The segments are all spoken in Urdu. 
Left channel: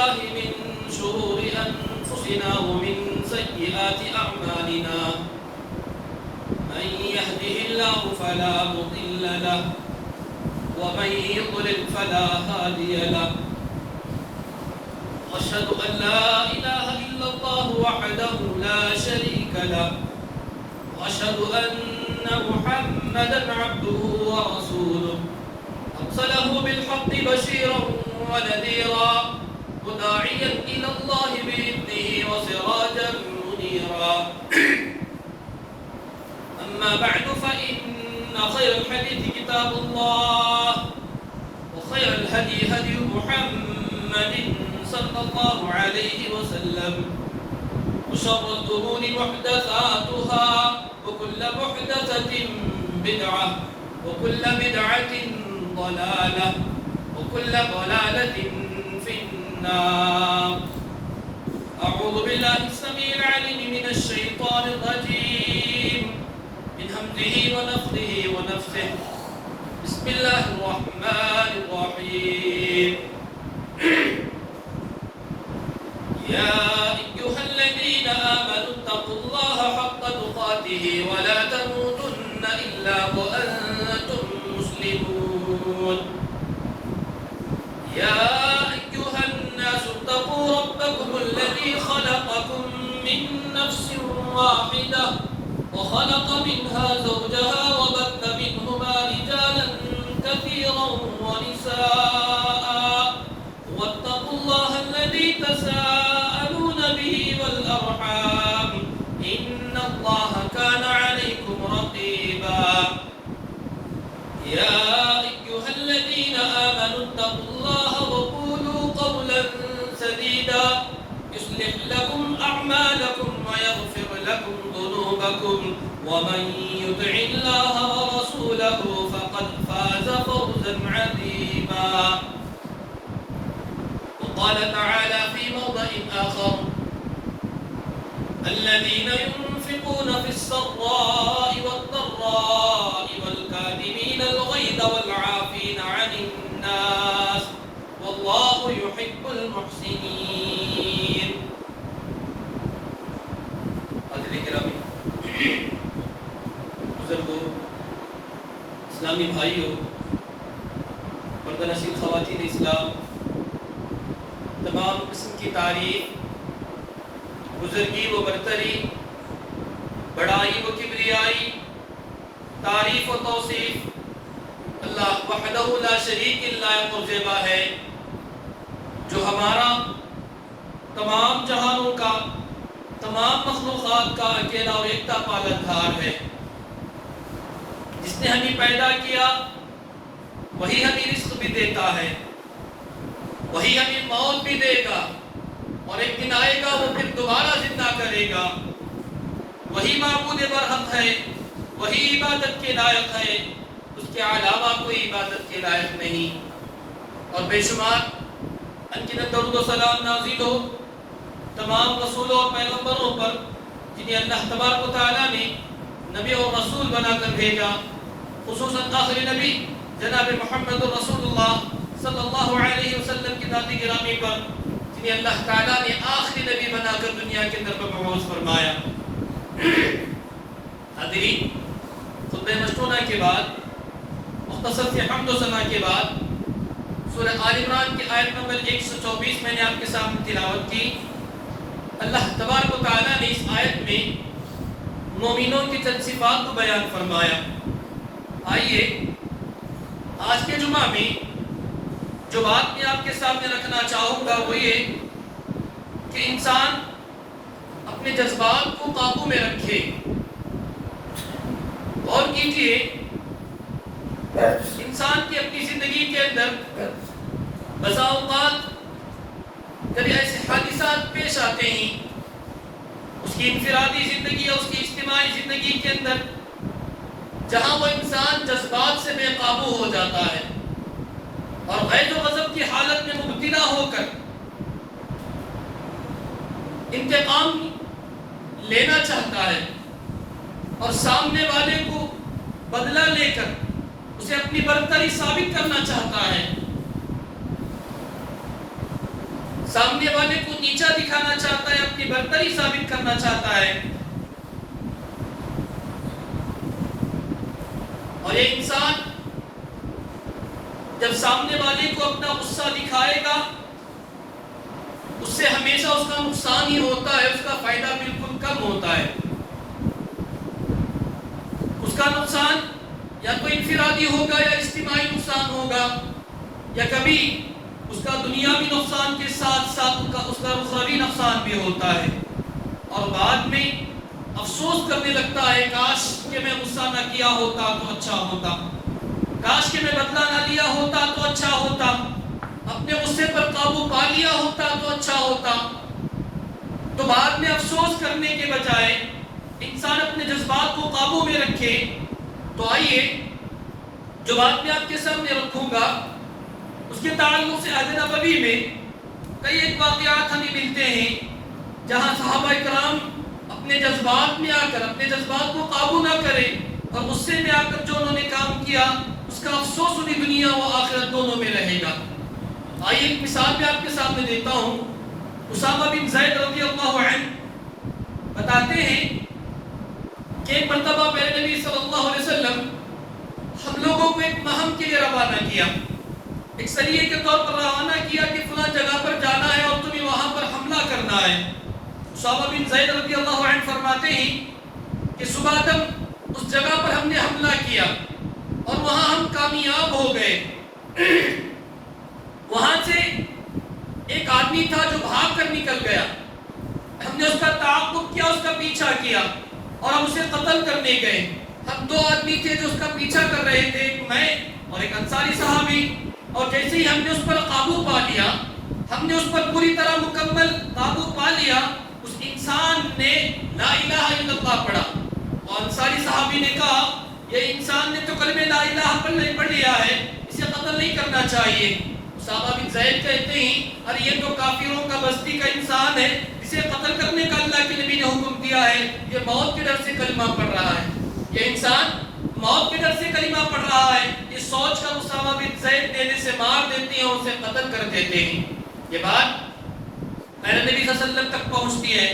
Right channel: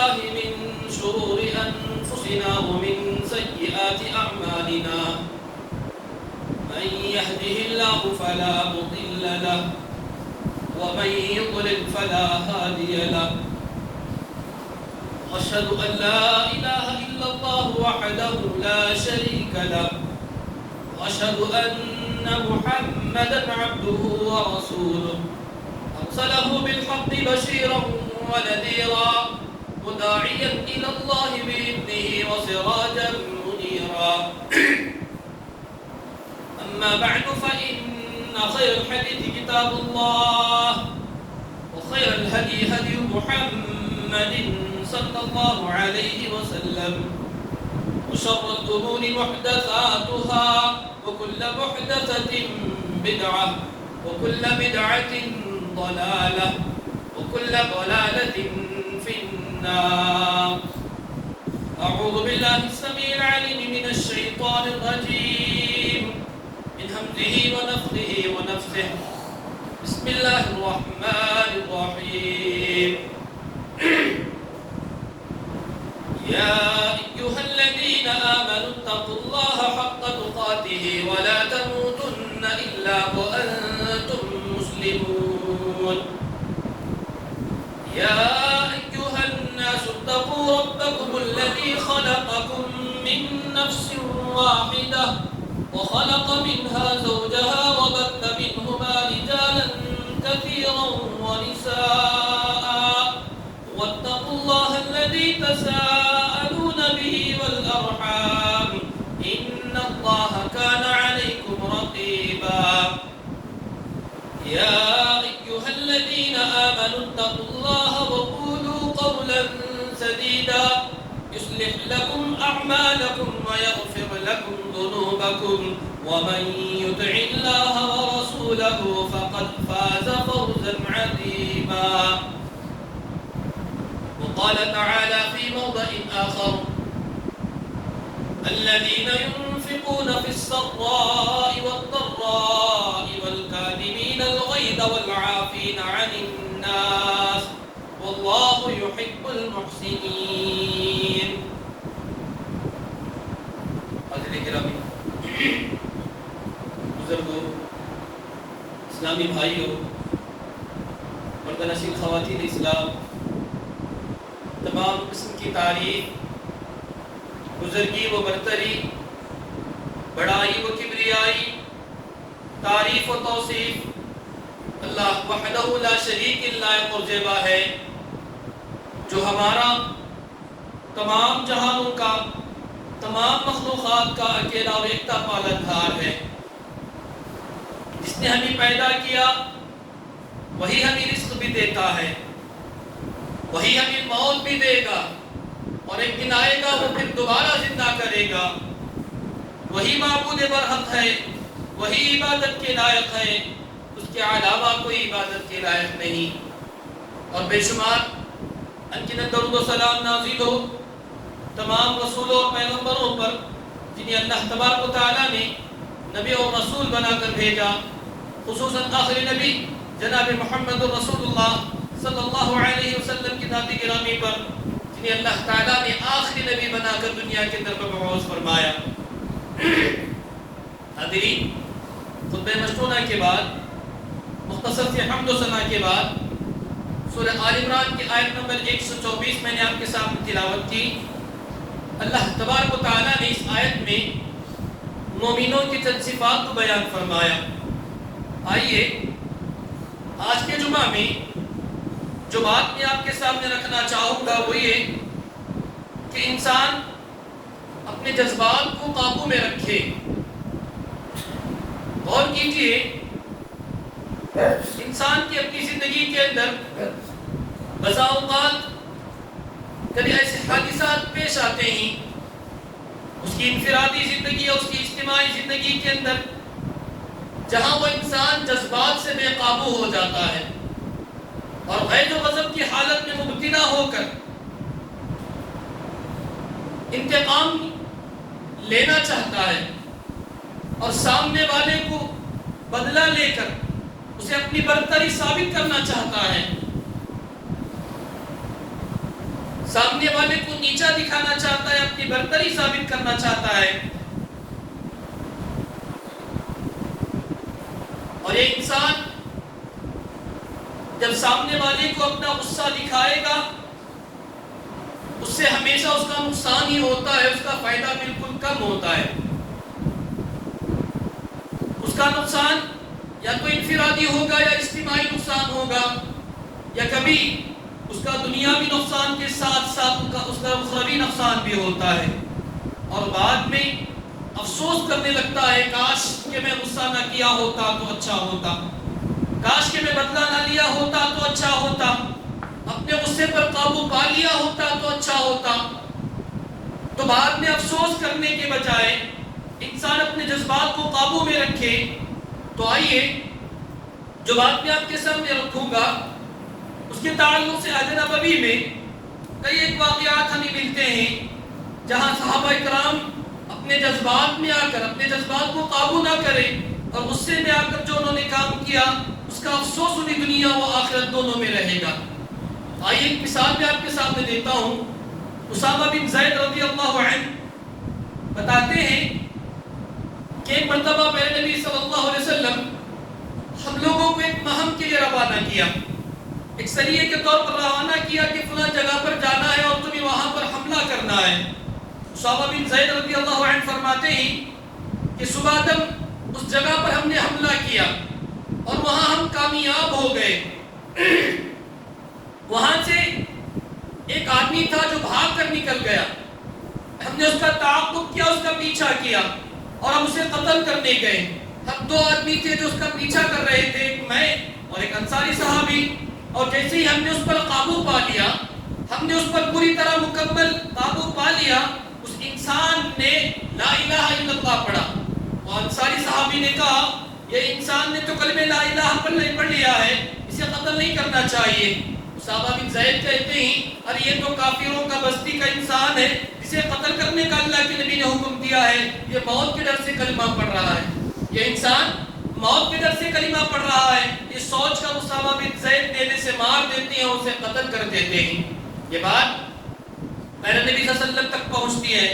بالله من شرور أنفسنا ومن سيئات أعمالنا من يهده الله فلا مضل له ومن يضلل فلا هادي له أشهد أن لا إله إلا الله وحده لا شريك له وأشهد أن محمدا عبده ورسوله أرسله بالحق بشيرا ونذيرا وداعيا إلى الله بإذنه وسراجا منيرا أما بعد فإن خير الحديث كتاب الله وخير الهدي هدي محمد صلى الله عليه وسلم وشر الأمور محدثاتها وكل محدثة بدعة وكل بدعة ضلالة وكل ضلالة في النار. أعوذ بالله السميع العليم من الشيطان الرجيم من همزه ونفخه ونفثه. بسم الله الرحمن الرحيم. يا أيها الذين آمنوا اتقوا الله حق تقاته ولا تموتن إلا وأنتم مسلمون. يا أيها الناس اتقوا ربكم الذي خلقكم من نفس واحدة وخلق منها زوجها وبث منهما رجالا كثيرا ونساء واتقوا الله الذي تساءلون به والأرحام إن الله كان عليكم رقيبا. يا أيها الذين آمنوا اتقوا الله وقولوا قولا سديدا يصلح لكم أعمالكم ويغفر لكم ذنوبكم ومن يطع الله ورسوله فقد فاز فوزا عظيما. وقال تعالى في موضع آخر الذين ينفقون في السراء والضراء والكاظمين الغيظ والعافين عن الناس والله يحب المحسنين. حضرات گرامی، بزرگوں، اسلامی بھائیوں، مردانشین خواتین اسلام، تمام قسم کی تعریف، بزرگی و برتری، بڑائی و کبریائی، تعریف و توصیف اللہ وحدہ لا شریک لائق و زیبا ہے، جو ہمارا تمام جہانوں کا، تمام مخلوقات کا اکیلا و یکتا پالنہار ہے. جس نے ہمیں پیدا کیا وہی ہمیں رزق بھی دیتا ہے، وہی ہمیں موت بھی دے گا اور ایک دن آئے گا وہ پھر دوبارہ زندہ کرے گا. وہی معبود برحق ہے، وہی عبادت کے لائق ہے، اس کے علاوہ کوئی عبادت کے لائق نہیں. اور بے شمار ان کی درود و سلام نازل ہو تمام رسولوں اور پیغمبروں پر جنہیں اللہ تبارک و تعالیٰ نے نبی اور رسول بنا کر بھیجا، خصوصاً آخری نبی جناب محمد رسول اللہ صلی اللہ علیہ وسلم کی ذات گرامی پر جنہیں اللہ تعالیٰ نے آخری نبی بنا کر دنیا کے اندر مبعوث فرمایا. حاضرین، خطبہ مشتونہ کے بعد، مختصر سے حمد و ثنا کے بعد، سورہ آل عمران کی آیت نمبر 124 میں نے آپ کے سامنے تلاوت کی. اللہ تبارک و تعالیٰ نے اس آیت میں مومنوں کی چند صفات کو بیان فرمایا. آئیے آج کے جمعہ میں جو بات میں آپ کے سامنے رکھنا چاہوں گا وہ یہ کہ انسان اپنے جذبات کو قابو میں رکھے. غور کیجیے، انسان کی اپنی زندگی کے اندر بسا اوقات کبھی ایسے حادثات پیش آتے ہیں اس کی انفرادی زندگی اور اس کی اجتماعی زندگی کے اندر جہاں وہ انسان جذبات سے بے قابو ہو جاتا ہے اور غیر و غضب کی حالت میں مبتلا ہو کر انتقام لینا چاہتا ہے اور سامنے والے کو بدلہ لے کر اسے اپنی برتری ثابت کرنا چاہتا ہے. سامنے والے کو نیچا دکھانا چاہتا ہے، اپنی برتری ثابت کرنا چاہتا ہے. اور یہ انسان جب سامنے والے کو اپنا غصہ دکھائے گا، اس سے ہمیشہ اس کا نقصان ہی ہوتا ہے، اس کا فائدہ بالکل کم ہوتا ہے. اس کا نقصان یا تو انفرادی ہوگا یا اجتماعی نقصان ہوگا، یا کبھی اس کا دنیاوی نقصان کے ساتھ ساتھ اس کا اخروی نقصان بھی ہوتا ہے. اور بعد میں افسوس کرنے لگتا ہے، کاش کہ میں غصہ نہ کیا ہوتا تو اچھا ہوتا، کاش کہ میں بدلہ نہ لیا ہوتا تو اچھا ہوتا، اپنے غصے پر قابو پا لیا ہوتا تو اچھا ہوتا. تو بعد میں افسوس کرنے کے بجائے انسان اپنے جذبات کو قابو میں رکھے. تو آئیے جو بات میں آپ کے سامنے رکھوں گا اس کے تعلق سے حج نبوی میں کئی ایک واقعات ہمیں ملتے ہیں جہاں صحابہ کرام اپنے جذبات میں آ کر اپنے جذبات کو قابو نہ کرے اور غصے میں آ کر جو انہوں نے کام کیا اس کا افسوس انہیں دنیا و آخرت دونوں میں رہے گا. آئیے ایک مثال میں آپ کے سامنے دیتا ہوں. اسامہ بن زید رضی اللہ عنہ بتاتے ہیں کہ ایک مرتبہ میرے نبی صلی اللہ علیہ وسلم ہم لوگوں کو ایک مہم کے لیے روانہ کیا، ایک سریے کے طور پر روانہ کیا کہ فلاں جگہ پر جانا ہے اور تمہیں وہاں پر حملہ کرنا ہے. اسامہ بن زید رضی اللہ عنہ فرماتے ہیں کہ صبح تک اس جگہ پر ہم نے حملہ کیا اور وہاں ہم کامیاب ہو گئے. وہاں سے ایک آدمی تھا جو بھاگ کر نکل گیا، ہم نے اس کا تعاقب کیا، اس کا پیچھا کیا اور ہم اسے قتل کرنے گئے. ہم دو آدمی تھے جو اس کا پیچھا کر رہے تھے، ایک میں اور ایک انصاری صحابی. اور جیسے ہی ہم نے اس پر قابو پا لیا، ہم نے اس پر پوری طرح مکمل قابو پا لیا، اس انسان نے لا الہ الا اللہ پڑھا. اور انصاری صحابی نے کہا یہ انسان نے تو کلمہ لا الہ پڑھ لیا ہے، اسے قتل نہیں کرنا چاہیے. اسامہ بن زید کہتے ہیں اور یہ تو کافروں کا بستی کا انسان ہے، اسے قتل کرنے کا اللہ کے نبی نے حکم دیا ہے، یہ موت کے ڈر سے کلمہ پڑھ رہا ہے، یہ انسان موت کے ڈر سے کلمہ پڑھ رہا ہے. یہ سوچ کر اسامہ بن زید نیزے سے مار دیتے ہیں، اسے قتل کر دیتے ہیں. یہ بات میرے نبی صلی اللہ علیہ وسلم تک پہنچتی ہے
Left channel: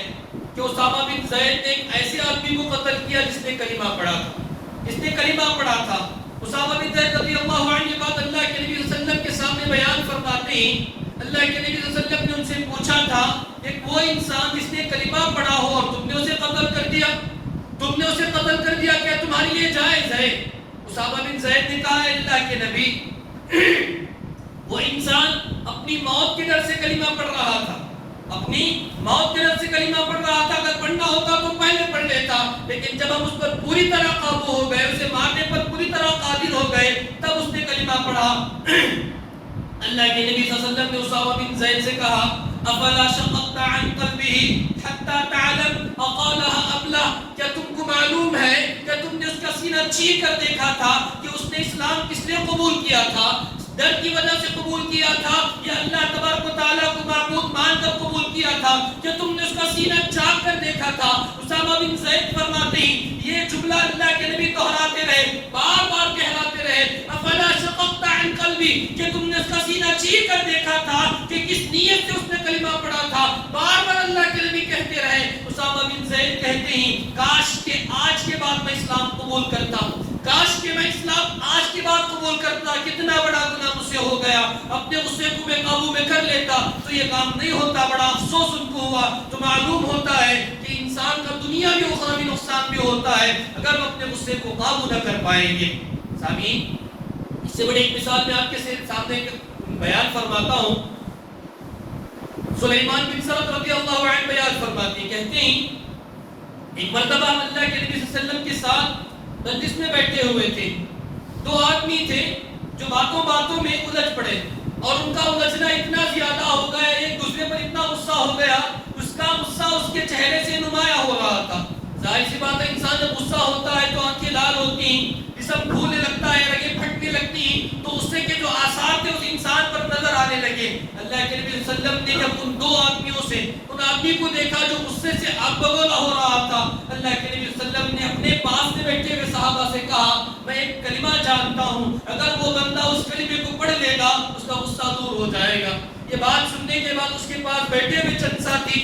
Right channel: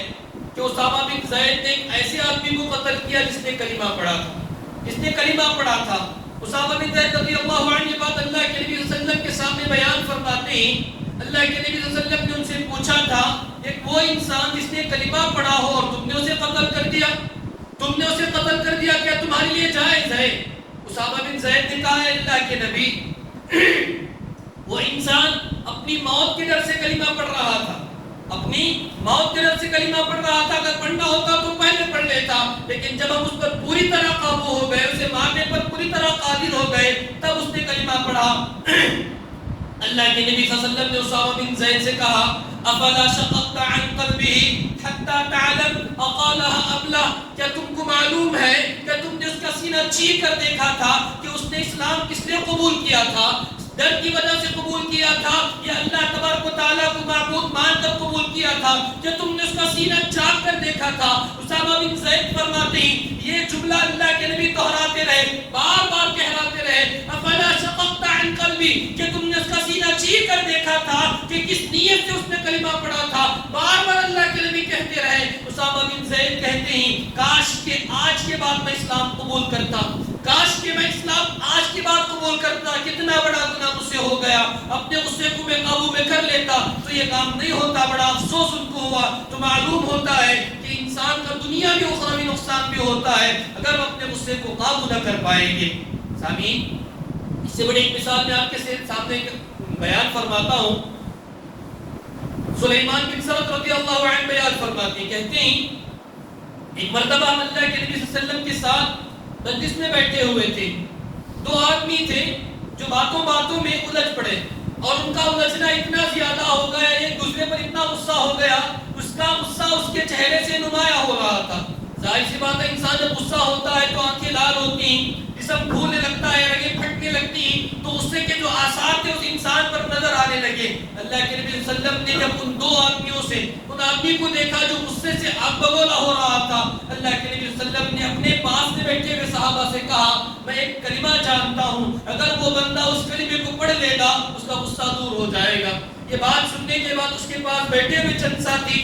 کہ اسامہ بن زید نے ایک ایسے آدمی کو قتل کیا جس نے کلمہ پڑھا تھا، جس نے کلمہ پڑھا تھا. اسامہ بن زید رضی اللہ عنہ یہ بات اللہ کے نبی صلی اللہ علیہ وسلم کے سامنے بیان فرماتے ہیں. اللہ کے نبی صلی اللہ علیہ وسلم نے ان سے پوچھا تھا ایک وہ انسان جس نے کلمہ پڑھا ہو اور تم نے اسے قتل کر دیا، تم نے اسے قتل کر دیا، کیا تمہارے لیے جائز ہے؟ اسامہ بن زید نے کہا ہے اللہ کے نبی وہ انسان اپنی موت کے ڈر سے کلمہ پڑھ رہا تھا، اپنی موت کے ڈر سے کلمہ پڑھ رہا تھا. اگر پڑھنا ہوتا تو پہلے پڑھ لیتا، لیکن جب ہم اس پر پوری طرح قابو ہو گئے، اسے مارنے پر پوری طرح قادر ہو گئے، تب اس نے کلمہ پڑھا. اللہ کے نبی صلی اللہ علیہ وسلم نے اسامہ بن زید سے کہا افلا شققت عن قلبه حتى تعلم اقالها ام لا، کیا تم کو معلوم ہے کہ تم نے اس کا سینہ چیر کر دیکھا تھا کہ اس نے اسلام کس لیے قبول کیا تھا؟ ڈر کی وجہ سے قبول کیا تھا یا اللہ تبارک و تعالیٰ کو معبود مان کر قبول کیا تھا؟ کہ تم نے اس کا سینہ چاک کر دیکھا تھا. اسامہ بن زید فرماتے ہیں یہ جملہ اللہ کے نبی دہراتے رہے، بار بار کہلاتے رہے افلا شققت عن قلبی، کہ تم نے اس کا سینہ چیر کر دیکھا تھا کہ کس نیت سے اس نے کلمہ پڑھا تھا. بار بار اللہ کے نبی کہتے رہے. اسامہ بن زید کہتے ہیں کاش کہ آج کے بعد میں اسلام قبول کرتا، کاش کہ میں اسلام آج کی بات قبول کرتا. کتنا بڑا گناہ مجھ سے ہو گیا، اپنے غصے کو میں قابو میں کر لیتا تو یہ کام نہیں ہوتا. بڑا افسوس ان کو ہوا. تو معلوم ہوتا ہے کہ انسان کا دنیا میں اخروی نقصان بھی ہوتا ہے اگر وہ اپنے غصے کو قابو نہ کر پائیں گے. سامعین اس سے بڑی ایک مثال میں آپ کے سامنے بیان فرماتا ہوں. سلیمان بن سرد رضی اللہ عنہ بیان فرماتے ہیں، کہتے ہیں ایک مرتبہ ہم اللہ کے نبی صلی اللہ علیہ وسلم کے ساتھ مجلس میں بیٹھے ہوئے تھے. دو آدمی تھے جو باتوں باتوں میں الجھ پڑے اور ان کا الجھنا اتنا زیادہ ہو گیا، ایک دوسرے پر اتنا غصہ ہو گیا، اس کا غصہ اس کے چہرے سے نمایاں ہو رہا تھا. ظاہر سی بات ہے انسان جب غصہ ہوتا ہے تو آنکھیں لال ہوتی ہیں، جسم پھولنے لگتا ہے، رگیں پھٹنے لگتی ہیں، تو غصے کے جو آثار تھے اس انسان پر نظر آنے لگے. اللہ کے نبی صلی اللہ علیہ وسلم نے جب ان دو آدمیوں سے ان آدمی کو دیکھا جو غصے سے آگ بگولا ہو رہا تھا، اللہ کے نبی صلی اللہ علیہ وسلم نے اپنے پاس سے بیٹھے ہوئے صحابہ سے کہا میں ایک کلمہ جانتا ہوں، اگر وہ بندہ اس کلمے کو پڑھ لے گا اس کا غصہ دور ہو جائے گا. یہ بات سننے کے بعد اس کے پاس بیٹھے ہوئے چند ساتھی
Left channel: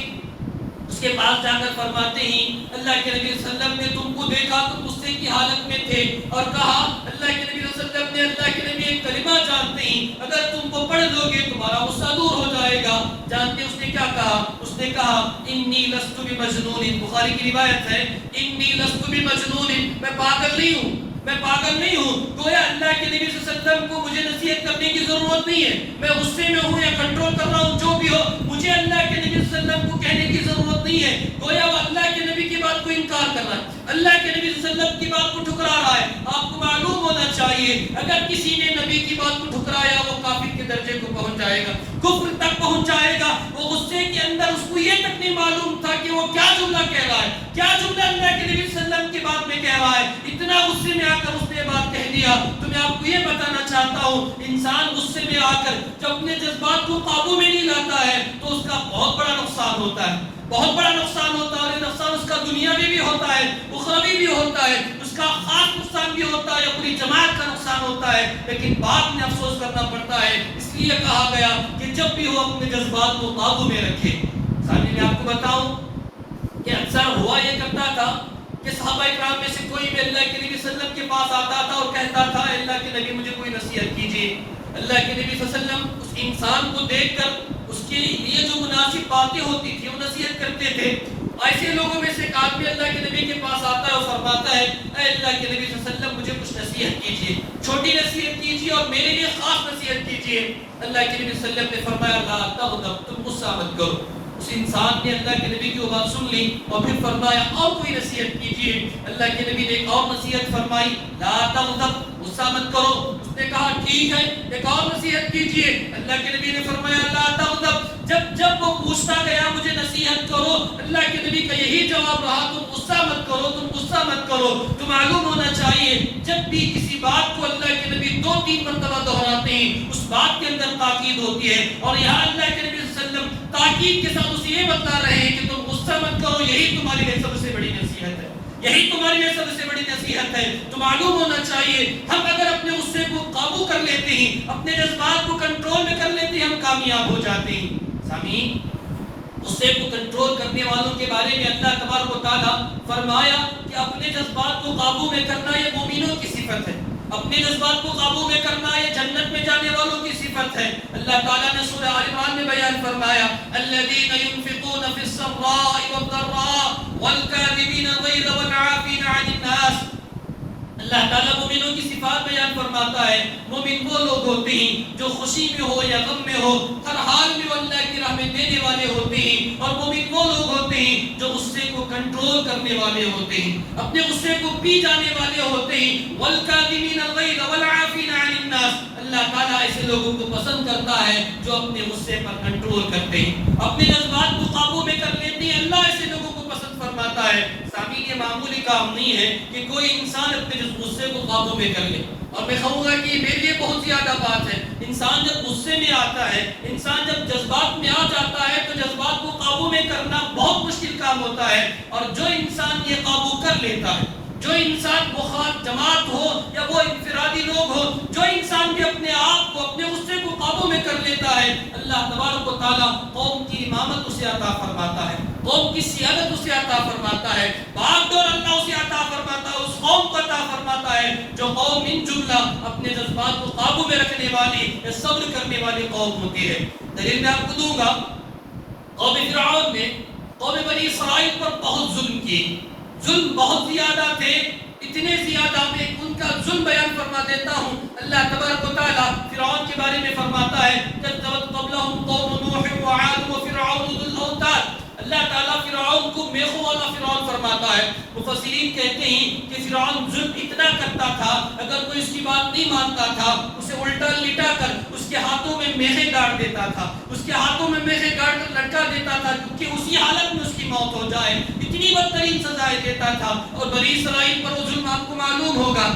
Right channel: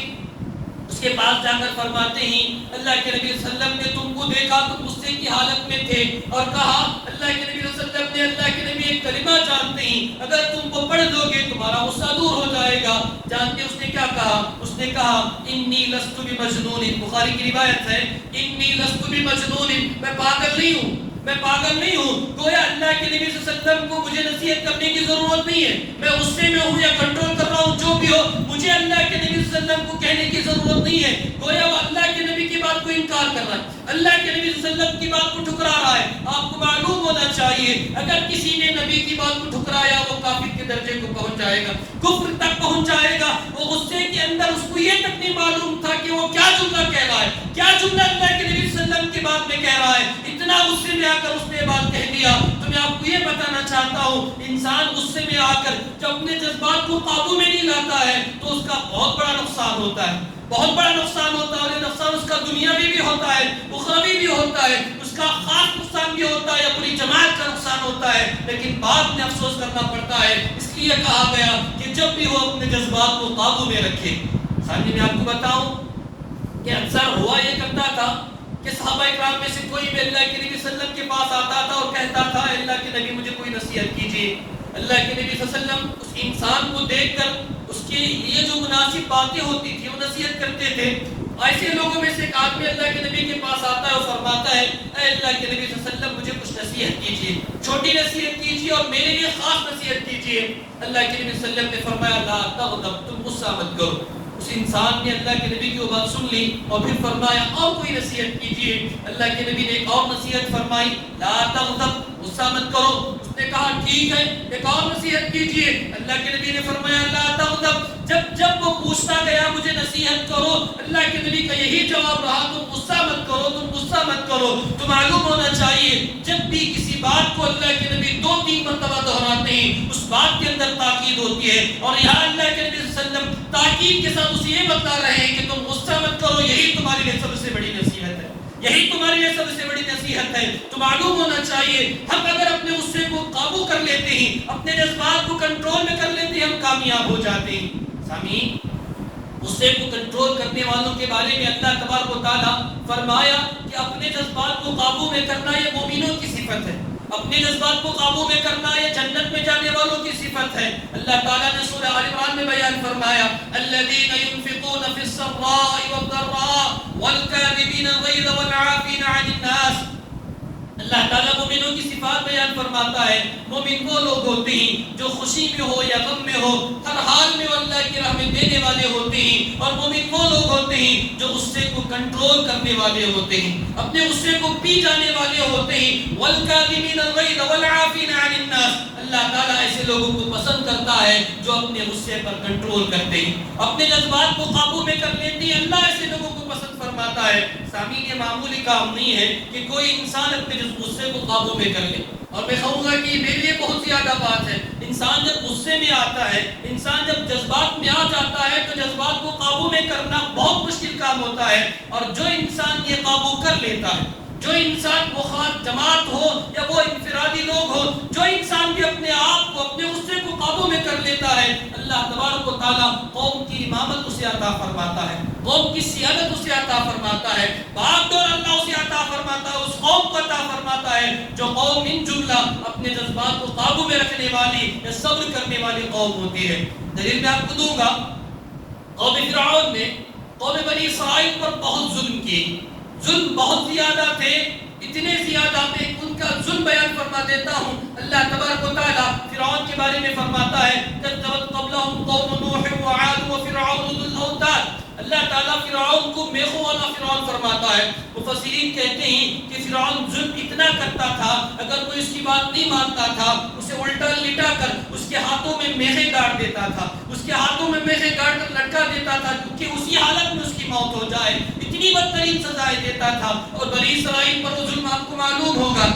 اس کے پاس جا کر فرماتے ہیں اللہ کے نبی صلی اللہ علیہ وسلم نے تم کو دیکھا تم غصے کی حالت میں تھے اور کہا اللہ کے نبی صلی اللہ علیہ وسلم نے اللہ کے نبی ایک کلمہ جانتے ہیں اگر تم کو پڑھ لو گے تمہارا غصہ دور ہو جائے گا. جانتے اس نے کیا کہا؟ اس نے کہا انی لست بمجنون. بخاری کی روایت ہے انی لست بمجنون. میں پاگل نہیں ہوں، میں پاگل نہیں ہوں. گویا اللہ کے نبی صلی اللہ علیہ وسلم کو مجھے نصیحت کرنے کی ضرورت نہیں ہے. میں غصے میں ہوں یا کنٹرول کر رہا ہوں جو بھی ہو مجھے اللہ کے نبی صلی اللہ علیہ وسلم کو کہنے کی ضرورت نہیں ہے. گویا وہ اللہ کے نبی کی بات کو انکار کر رہا ہے، اللہ کے نبی صلی اللہ علیہ وسلم کی بات کو ٹھکرا رہا ہے. آپ کو معلوم ہونا چاہیے اگر کسی نے نبی کی بات کو ٹھکرایا وہ کافر کے درجے کو پہنچ جائے گا، کفر تک پہنچ جائے گا. وہ غصے کے اندر اس کو یہ تک نہیں معلوم تھا کہ وہ کیا جملہ کہہ رہا ہے، کیا جملہ اللہ کے نبی صلی اللہ علیہ وسلم کی بات میں کہہ رہا ہے. اتنا غصے میں آ کر اس نے بات کہہ دیا. تو میں آپ کو یہ بتانا چاہتا ہوں انسان غصے میں آ کر جب اپنے جذبات کو قابو میں نہیں لاتا ہے تو اس کا بہت بڑا نقصان ہوتا ہے، بہت بڑا نقصان ہوتا ہے. نقصان اس کا دنیاوی بھی ہوتا ہے، اخروی بھی ہوتا ہے. اس کا خاص نقصان بھی ہوتا ہے، اپنی جماعت کا نقصان ہوتا ہے. لیکن بعد میں افسوس کرنا پڑتا ہے. اس لیے کہا گیا کہ جب بھی وہ اپنے جذبات کو قابو میں رکھے. سامنے میں آپ کو بتاؤں کہ اکثر ہوا یہ کرتا تھا کہ صحابہ اکرام میں سے کوئی بھی اللہ کے نبی صلی اللہ علیہ وسلم کے پاس آتا تھا اور کہتا تھا اللہ کے نبی مجھے کوئی نصیحت کیجیے. اللہ کے نبی صلی اللہ علیہ وسلم اس انسان کو دیکھ کر اس کے لیے جو مناسب باتیں ہوتی تھی وہ نصیحت کرتے تھے. ایسے لوگوں میں سے ایک آدمی اللہ کے نبی کے پاس آتا ہے اور فرماتا ہے اے اللہ کے نبی صلی اللہ علیہ وسلم مجھے کچھ نصیحت کیجیے، چھوٹی نصیحت کیجیے اور میرے لیے خاص نصیحت کیجیے. اللہ کے نبی صلی اللہ علیہ وسلم نے فرمایا لا تغضب، تم غصہ مت کرو. اس انسان نے اللہ کے نبی کی بات سن لی اور پھر فرمایا اور کوئی نصیحت کیجیے. اللہ کے نبی نے ایک اور نصیحت فرمائی لا تغضب، غصہ مت کرو. اس نے کہا ٹھیک ہے ایک اور نصیحت کیجیے. اللہ کے نبی نے فرمایا لا تغضب. جب وہ پوچھتا گیا مجھے نصیحت کرو اللہ کے نبی کا یہی جواب رہا تم غصہ مت کرو، تم غصہ مت کرو. تو معلوم ہونا چاہیے جب بھی کسی بات کو اللہ کے نبی 2-3 مرتبہ دہراتے ہیں اس بات کے اندر تاکید ہوتی ہے. اور یہاں اللہ کے نبی صلی اللہ علیہ وسلم تاکید کے ساتھ اسے یہ بتا رہے ہیں کہ تم غصہ مت کرو، یہی تمہاری لیے سب سے بڑی نصیحت ہے، یہی تمہارے لیے سب سے بڑی نصیحت ہے. تو معلوم ہونا چاہیے ہم اگر اپنے غصے کو قابو کر لیتے ہیں، اپنے جذبات کو کنٹرول میں کر لیتے ہیں، ہم کامیاب ہو جاتے ہیں. سامعین غصے کو کنٹرول کرنے والوں کے بارے میں اللہ تبارک و تعالیٰ فرمایا کہ اپنے جذبات کو قابو میں کرنا یہ مومنوں کی صفت ہے، اپنے جذبات کو قابو میں کرنا یہ جنت میں جانے والوں کی صفت ہے. اللہ تعالیٰ نے سورہ آل عمران میں بیان فرمایا الذین ينفقون فی السراء والضراء والکاظمین الغیظ والعافین عن الناس. اللہ تعالیٰ مومنوں کی صفات بیان فرماتا ہے مومن وہ لوگ ہوتے ہیں جو خوشی میں ہو یا غم میں ہو ہر حال میں اللہ کی راہ میں دینے والے ہوتے ہیں. اور مومن وہ لوگ ہوتے ہیں جو غصے کو کنٹرول کرنے والے ہوتے ہیں، اپنے غصے کو پی جانے والے ہوتے ہیں. والکاظمین الغیظ والعافین عن الناس. اللہ تعالیٰ ایسے لوگوں کو پسند کرتا ہے جو اپنے غصے پر کنٹرول کرتے ہیں، اپنے جذبات کو قابو میں کر لیتے ہیں. اللہ ایسے لوگوں کو پسند فرماتا ہے. سامعین یہ معمولی کام نہیں ہے کہ کوئی انسان اپنے غصے کو قابو میں کر لے. اور میں کہوں گا کہ میرے لیے بہت زیادہ بات ہے انسان جب غصے میں آتا ہے، انسان جب جذبات میں آ جاتا ہے تو جذبات کو قابو میں کرنا بہت مشکل کام ہوتا ہے. اور جو انسان یہ قابو کر لیتا ہے، جو انسان مخالف جماعت ہو یا وہ انفرادی لوگ ہو، جو انسان بھی اپنے آپ کو اپنے غصے کو قابو میں کر لیتا ہے اللہ تبارک و تعالیٰ قوم کی امامت اسے عطا فرماتا ہے، قوم کی سیادت اسے عطا فرماتا ہے. باغ دور اللہ اسے عطا فرماتا ہے، اس قوم کو عطا فرماتا ہے جو قوم ان جملہ اپنے جذبات کو قابو میں رکھنے والی یا صبر کرنے والی قوم ہوتی ہے. دلیل میں آپ کو دوں گا قوم فرعون نے قوم بنی اسرائیل پر بہت ظلم کی، ظلم بہت زیادہ تھے، اتنے زیادہ تھے ان کا ظلم بیان فرما دیتا ہوں. اللہ تبارک و تعالیٰ فرعون کے بارے میں فرماتا ہے كذبت قبلهم قوم نوح وعاد وفرعون ذو الاوتاد. اللہ تعالیٰ فرعون کو میخوں والا فرعون فرماتا ہے. مفسرین کہتے ہیں کہ فرعون ظلم اتنا کرتا تھا اگر کوئی اس کی بات نہیں مانتا تھا اسے الٹا لٹا کر اس کے ہاتھوں میں میخیں گاڑ دیتا تھا، اس کے ہاتھوں میں میخیں گاڑ کر لٹکا دیتا تھا کہ اسی حالت میں اس کی موت ہو جائے. اتنی بدترین سزائیں دیتا تھا. اور بنی اسرائیل پر وہ ظلم آپ کو معلوم ہوگا.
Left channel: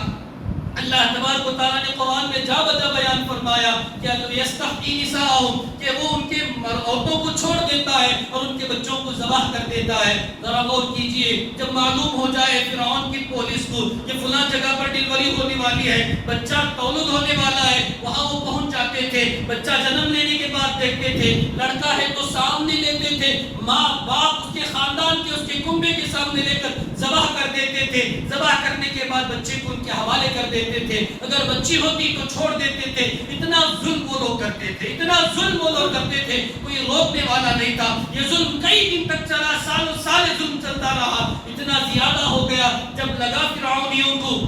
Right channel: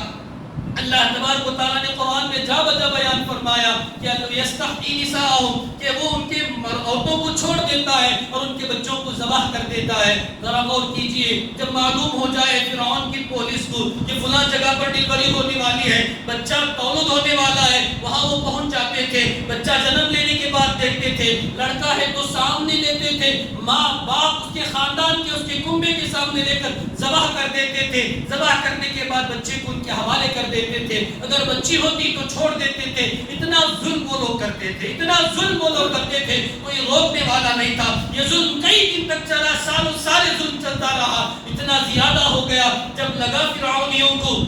اللہ تبارک و تعالیٰ نے قرآن میں جا بجا بیان فرمایا کہ اگر یستحیی نساءہم کہ وہ ان کے عورتوں کو چھوڑ دیتا ہے اور ان کے بچوں کو ذبح کر دیتا ہے۔ ذرا غور کیجئے، جب معلوم ہو جائے فرعون کی پولیس کو کہ فلاں جگہ پر ڈیلیوری ہونے والی ہے، بچہ تولد ہونے والا ہے، وہاں وہ پہنچ جاتے تھے، بچہ جنم لینے کے بعد دیکھتے تھے، لڑکا ہے تو سامنے دیتے تھے، ماں باپ اس کے خاندان کے اس کے کنبے کے سامنے لے کر ذبح کر دیتے تھے، ذبح کرنے کے بعد بچے کو ان کے حوالے کر دیتے تھے، اگر بچی ہوتی تو چھوڑ دیتے تھے۔ اتنا ظلم وہ لوگ کرتے تھے، اتنا ظلم وہ لوگ کرتے تھے، کوئی روکنے والا نہیں تھا۔ یہ ظلم کئی دن تک چلا، سالوں سال ظلم چلتا رہا، اتنا زیادہ ہو گیا جب لگا فرعونیوں کو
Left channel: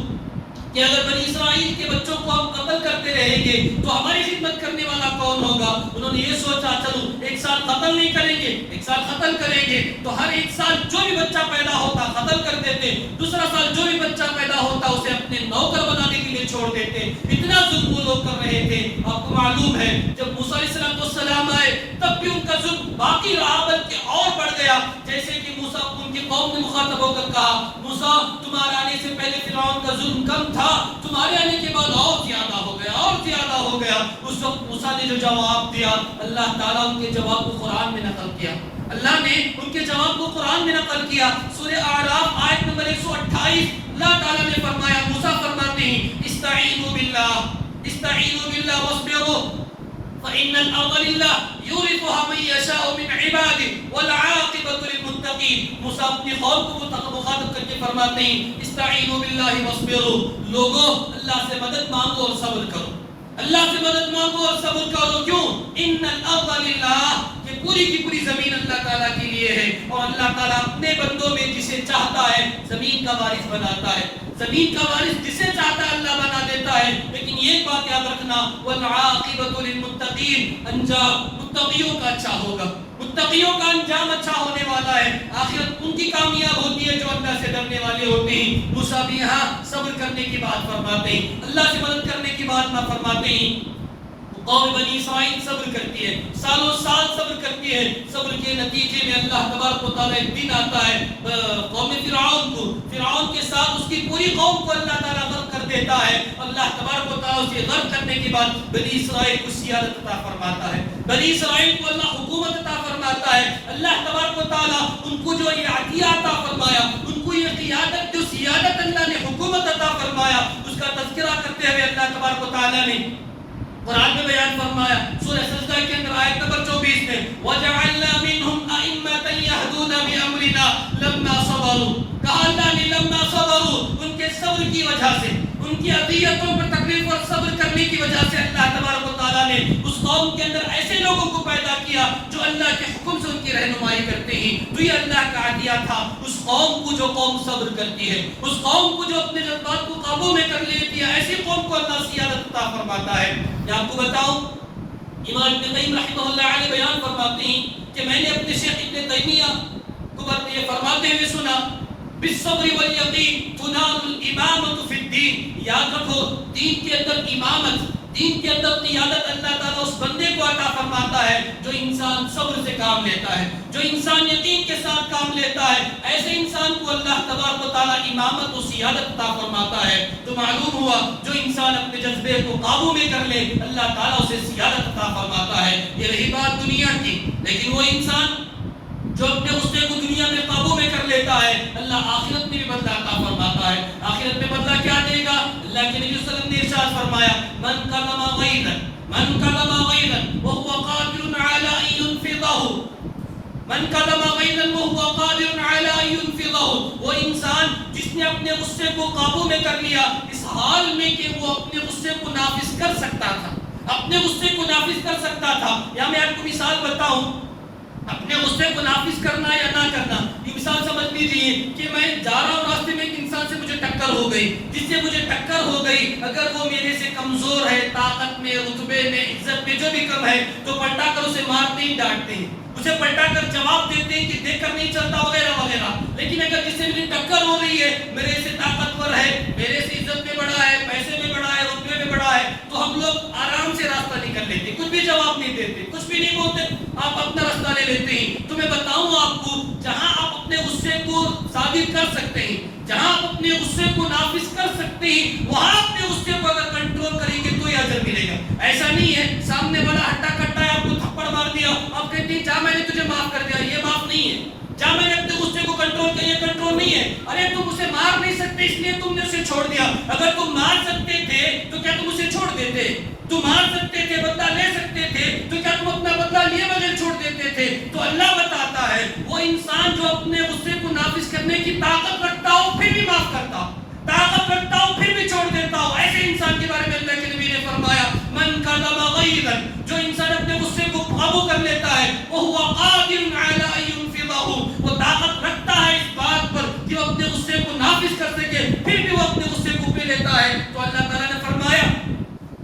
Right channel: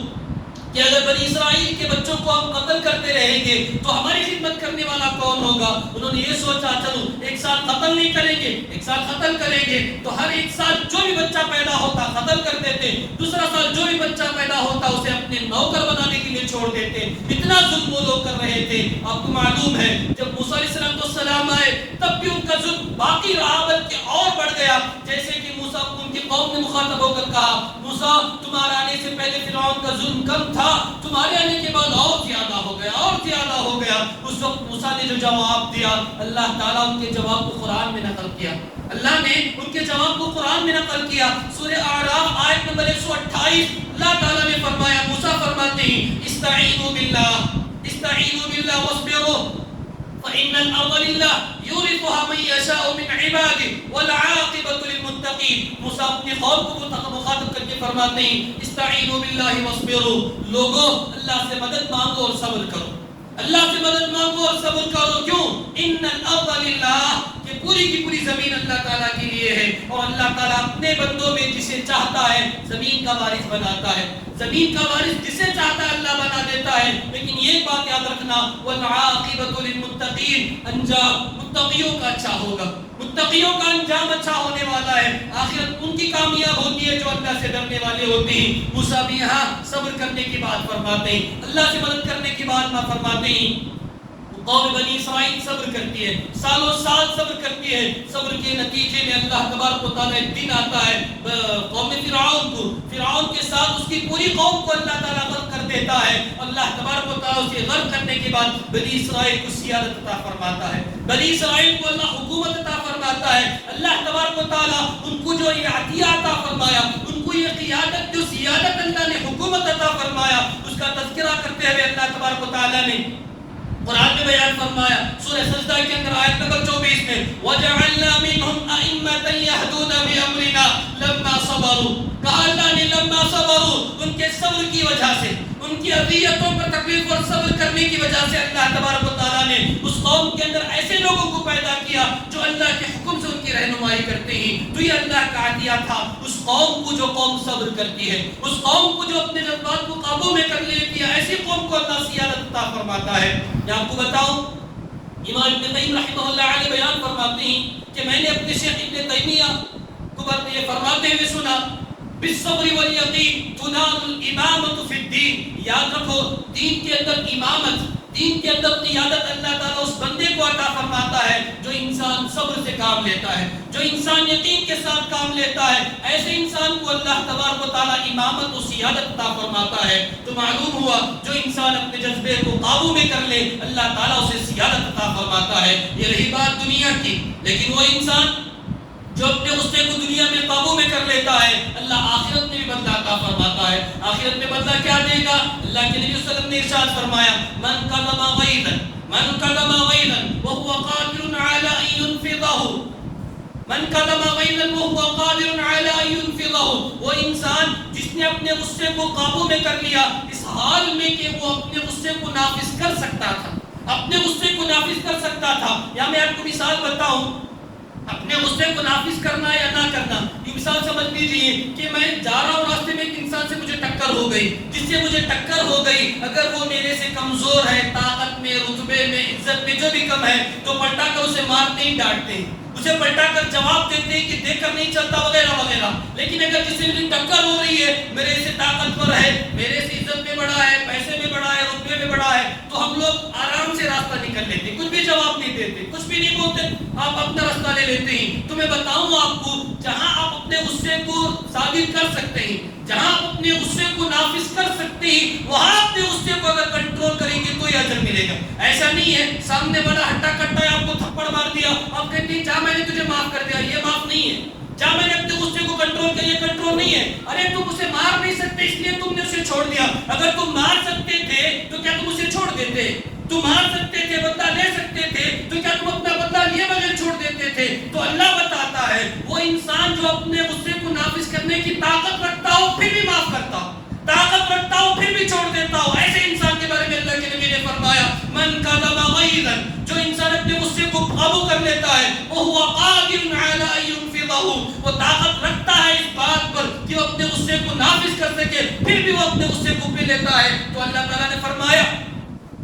کہ اگر بنی اسرائیل کے بچوں کو ہم قتل کرتے رہیں گے تو ہماری خدمت کرنے والا کون ہوگا؟ انہوں نے یہ سوچا چلو ایک سال قتل نہیں کریں گے، ایک سال قتل کریں گے، تو ہر ایک سال جو بھی بچہ پیدا ہوتا قتل کر دیتے، دوسرا سال جو بھی بچہ پیدا ہوتا اسے اپنے نوکر بنانے کے لیے چھوڑ دیتے۔ اتنا ظلم وہ لوگ کر رہے تھے۔ آپ کو معلوم ہے جب موسیٰ علیہ السلام آئے تب بھی ان کا ظلم باقی رہا، بلکہ اور بڑھ گیا۔ جیسے کہ موسیٰ ان کی قوم نے مخاطب ہو کر کہا، موسیٰ تمہارے آنے سے پہلے فرعون کا ظلم کم تھا، تمہارے آنے کے بعد اور زیادہ ہو گیا، اور زیادہ ہو گیا۔ اس وقت موسیٰ نے جو جواب دیا، اللہ تعالیٰ ان کے جواب کو قرآن میں نقل کیا، اللہ نے ان کے جواب کو قرآن میں نقل کیا۔ سورہ اعراف آیت نمبر 128 اللہ تعالیٰ نے فرمایا، موسیٰ فرماتے ہیں استعینوا باللہ واصبروا فإن الأرض لله يورثها من يشاء من عباده والعاقبة للمتقين۔ موسیٰ اپنی قوم کو مخاطب کر کے فرماتے ہیں استعینوا باللہ واصبروا، لوگوں اللہ سے مدد مانگو اور صبر کرو، اللہ سے مدد مانگو اور صبر کرو۔ کیوں؟ ان الارض للہ، کہ پوری کی پوری زمین اللہ تعالیٰ کے لیے ہے، اور اللہ تعالیٰ اپنے بندوں میں جسے چاہتا ہے زمین کا وارث بناتا ہے، زمین کا وارث جسے چاہتا ہے اللہ بنا دیتا ہے۔ لیکن یہ بات یاد رکھنا والعاقبۃ للمتقین، انجام متقیوں کا اچھا ہوگا، متقیوں کا انجام اچھا ہونے والا ہے، آخرت ان کی کامیاب ہوتی ہے جو اللہ سے ڈرنے والے ہوتے ہیں۔ موسیٰ بھی یہاں صبر کرنے کی بات فرماتے ہیں، اللہ سے مدد کرنے کی بات نہ فرماتے ہیں۔ قوم بنی اسرائیل صبر کرتی ہے، سالوں سال صبر کرتی ہے، صبر کے نتیجے میں اللہ تبارک و تعالیٰ ایک دن آتا ہے قوم فرعون کے ساتھ اس کی پوری قوم کو اللہ تعالیٰ غرق کر دیتا ہے۔ اللہ تبارک و تعالیٰ اسے غرق کرنے کے بعد بنی اسرائیل کو سیادت عطا فرماتا ہے، بنی اسرائیل کو اللہ حکومت عطا فرماتا ہے۔ اللہ تبارک و تعالیٰ ان کو جو یہ عطیہ عطا فرمایا، ان کو یہ قیادت جو سیادت اللہ نے حکومت عطا فرمایا، اس کا تذکرہ کرتے ہوئے اللہ تبارک و تعالیٰ نے قرآن میں بیان فرمایا سورہ سجدہ کے اندر آیت نمبر 24 میں وَجَعَلْنَا مِنْهُمْ أَئِمَّةً يَهْدُونَ بِأَمْرِنَا لَمَّا صَبَرُوا، کہا اللہ نے لما صبروا، ان کے صبر کی وجہ سے، ان کی اذیتوں پر تکلیف اور صبر کرنے کی وجہ سے اللہ تبارک و تعالیٰ نے اس قوم کے اندر ایسے لوگوں کو پیدا کیا جو اللہ کے حکم سے ان کی رہنمائی کرتے ہیں۔ تو یہ اللہ کا عطیہ تھا اس قوم کو جو قوم صبر کرتی ہے، اس قوم کو جو اپنے جذبات کو قابو میں کر لیتی ہے، ایسی قوم کو اللہ سیادت عطا فرماتا ہے۔ میں آپ کو بتاؤں، امام ابن قیم رحمہ اللہ علیہ بیان فرماتے ہیں کہ میں نے اپنے شیخ ابن تیمیہ کو یہ فرماتے ہوئے سنا بالصبر والیقین تنال الامامۃ فی الدین، یاد رکھو دین کے اندر امامت، دین کے اندر قیادت اللہ تعالیٰ اس بندے کو عطا فرماتا ہے جو انسان صبر سے کام لیتا ہے، جو انسان یقین کے ساتھ کام لیتا ہے، ایسے انسان کو اللہ تبارک و تعالیٰ امامت و سیادت عطا فرماتا ہے۔ تو معلوم ہوا جو انسان اپنے جذبے کو قابو میں کر لے اللہ تعالیٰ اسے سیادت عطا فرماتا ہے۔ یہ رہی بات دنیا کی، لیکن وہ انسان جو اپنے غصے کو دنیا میں قابو میں کر لیتا ہے اللہ آخرت میں بھی بدلہ عطا فرماتا ہے۔ آخرت میں بدلہ کیا دے گا؟ اللہ کے نبی صلی اللہ علیہ وسلم نے ارشاد فرمایا من قدم غیظا وهو قادر على ان ينفضه، من قدم غیظا وهو قادر على ان ينفضه، وہ انسان جس نے اپنے غصے کو قابو میں کر لیا اس حال میں کہ وہ اپنے غصے کو نافذ کر سکتا تھا، اپنے غصے کو نافذ کر سکتا تھا۔ یا میں آپ کو مثال بتاؤں، اپنے غصے کو نافذ کرنا یا نہ کرنا، یہ مثال سمجھ لیجیے کہ میں جا رہا ہوں راستے میں ایک انسان سے مجھے ٹکر ہو گئی، جس سے مجھے ٹکر ہو گئی اگر وہ میرے سے کمزور ہے، طاقت میں، رتبے میں، عزت میں جو بھی کم ہے تو پلٹا کر اسے مارتے ہی ڈانٹتے ہیں، اسے پلٹا کر جواب دیتے ہیں کہ دیکھ کر نہیں چلتا وغیرہ وغیرہ۔ لیکن اگر جس سے میری ٹکر ہو رہی ہے میرے سے طاقتور ہے، میرے سے عزت میں بڑا ہے، پیسے میں بڑا ہے، رتبے میں بڑا ہے، تو ہم لوگ آرام سے راستہ نکل لیتے، کچھ بھی جواب نہیں دیتے، کچھ بھی نہیں بولتے، آپ اپنا راستہ لے لیتے ہیں۔ تو میں بتاؤں آپ کو جہاں آپ اپنے غصے کو ثابت کر سکتے ہیں، جہاں آپ اپنے غصے کو نافذ کر سکتے ہیں، وہاں اپنے غصے کو اگر کنٹرول کریں گے تو یہ اجر ملے گا۔ ایسا نہیں ہے سامنے والا ہٹا کٹا ہے آپ کو تھپڑ مار دیا، آپ کہتے ہیں جا میں نے تجھے معاف کر دیا، یہ نہیں ہے. ارے تم اسے مار نہیں سکتے اس لیے تم نے اسے چھوڑ دیا. اگر تم مار سکتے تھے تو کیا تم اسے چھوڑ دیتے؟ تم مار سکتے تھے, بدلہ لے سکتے تھے, تو کیا تم اپنا بدلہ لیے بغیر چھوڑ دیتے تھے؟ تو اللہ بتاتا ہے وہ انسان جو اپنے غصے کو نافذ کرنے کی طاقت رکھتا ہو پھر بھی معاف کرتا ہو, طاقت رکھتا ہو پھر بھی چھوڑ دیتا ہو. ایسے انسان کے بارے میں اللہ کے نبی نے فرمایا من کظم غیظا, جو انسان اپنے غصے کو قابو کر لیتا ہے, وهو قادر على ان ينفضه, وہ طاقت رکھتا ہے اس بات پر کہ وہ اپنے غصے کو نافذ کر سکے, پھر بھی وہ اپنے غصے کو پی لیتا ہے. تو اللہ تعالیٰ نے فرمایا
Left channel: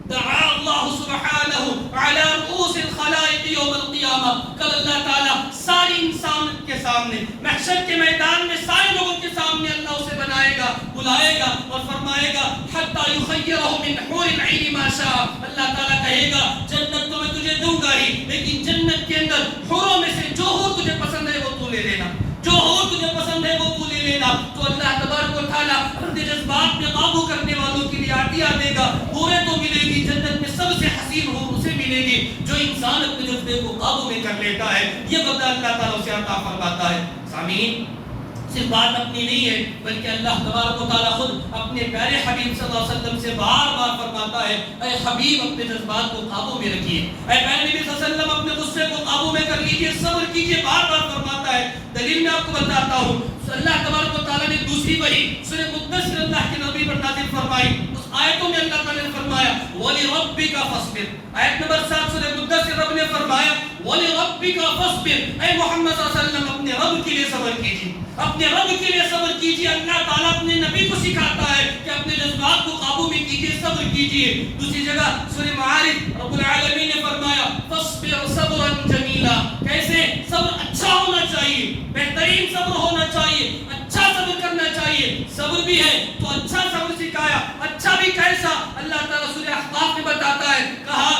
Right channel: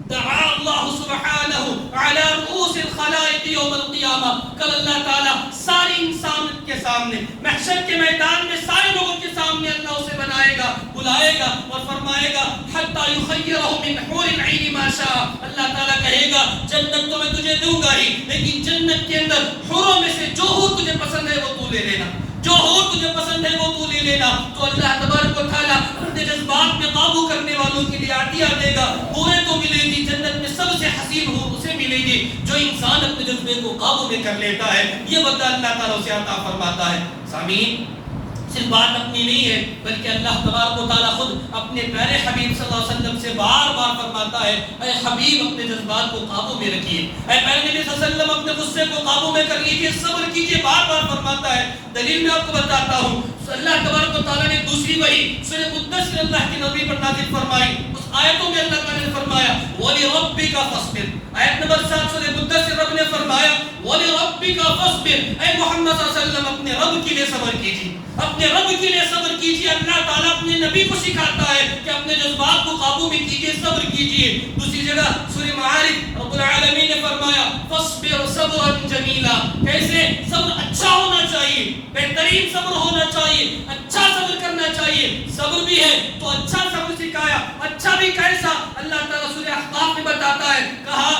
دعا اللہ سبحانہ علی رؤوس الخلائق یوم القیامہ, کل اللہ تعالیٰ ساری انسان کے سامنے محشر کے میدان میں سارے لوگوں کے سامنے اللہ اسے بنائے گا, بلائے گا اور فرمائے گا حتی یخیرہ من حور العین ما شاء. اللہ تعالیٰ کہے گا جنت تو میں تجھے دوں گا ہی, لیکن جنت کے اندر حوروں میں سے جو حور تجھے پسند ہے وہ تو لے لینا, جو حور تجھے پسند ہے وہ تو لے لینا. تو اللہ تبارک و تعالیٰ اپنے جذبات میں قابو کرنے والوں کے لیے عطیہ دے گا. حوریں تو ملے گی, جنت میں سب سے حسین حور اسے ملے گی جو انسان اپنے جذبے کو قابو میں کر لیتا ہے. یہ بدلہ اللہ تعالیٰ اسے عطا فرماتا ہے. سامعین, صرف بات اپنی نہیں ہے بلکہ اللہ تبارک و تعالیٰ خود اپنے پیارے حبیب صلی اللہ علیہ وسلم سے بار بار فرماتا ہے اے حبیب اپنے جذبات کو قابو میں رکھیے, اے پیارے نبی صلی اللہ علیہ وسلم اپنے غصے کو قابو میں کر لیجیے, صبر کیجیے, بار بار فرماتا ہے. دلیل میں آپ کو بتاتا ہوں, اللہ تبارک و تعالیٰ نے دوسری وحی سورہ مدثر اللہ کے نبی پر نازل فرمائی. اس آیتوں میں اللہ تعالیٰ نے فرمایا وَلِرَبِّكَ فَاصْبِرْ, آیت نمبر 7 سورہ مدثر رب نے فرمایا وَلِرَبِّكَ فَاصْبِرْ, اے محمد صلی اللہ علیہ وسلم اپنے رب کے لیے صبر کیجیے, اپنے رب کے لیے صبر کیجیے. اللہ تعالیٰ اپنے نبی کو سکھاتا ہے کہ اپنے جذبات کو قابو میں کیجیے, صبر کیجیے. دوسری جگہ سورہ معارج رب العالمین نے فرمایا فَاصْبِرْ صَبْرًا جَمِيلًا, کیسے صبر اچھا ہونا چاہیے, بہترین صبر ہونا چاہیے, اچھا صبر کرنا چاہیے. صبر بھی ہے تو اچھا صبر سکھایا, اچھا بھی کیسا اللہ تعالیٰ سورہ احقاف میں بتاتا ہے, کہا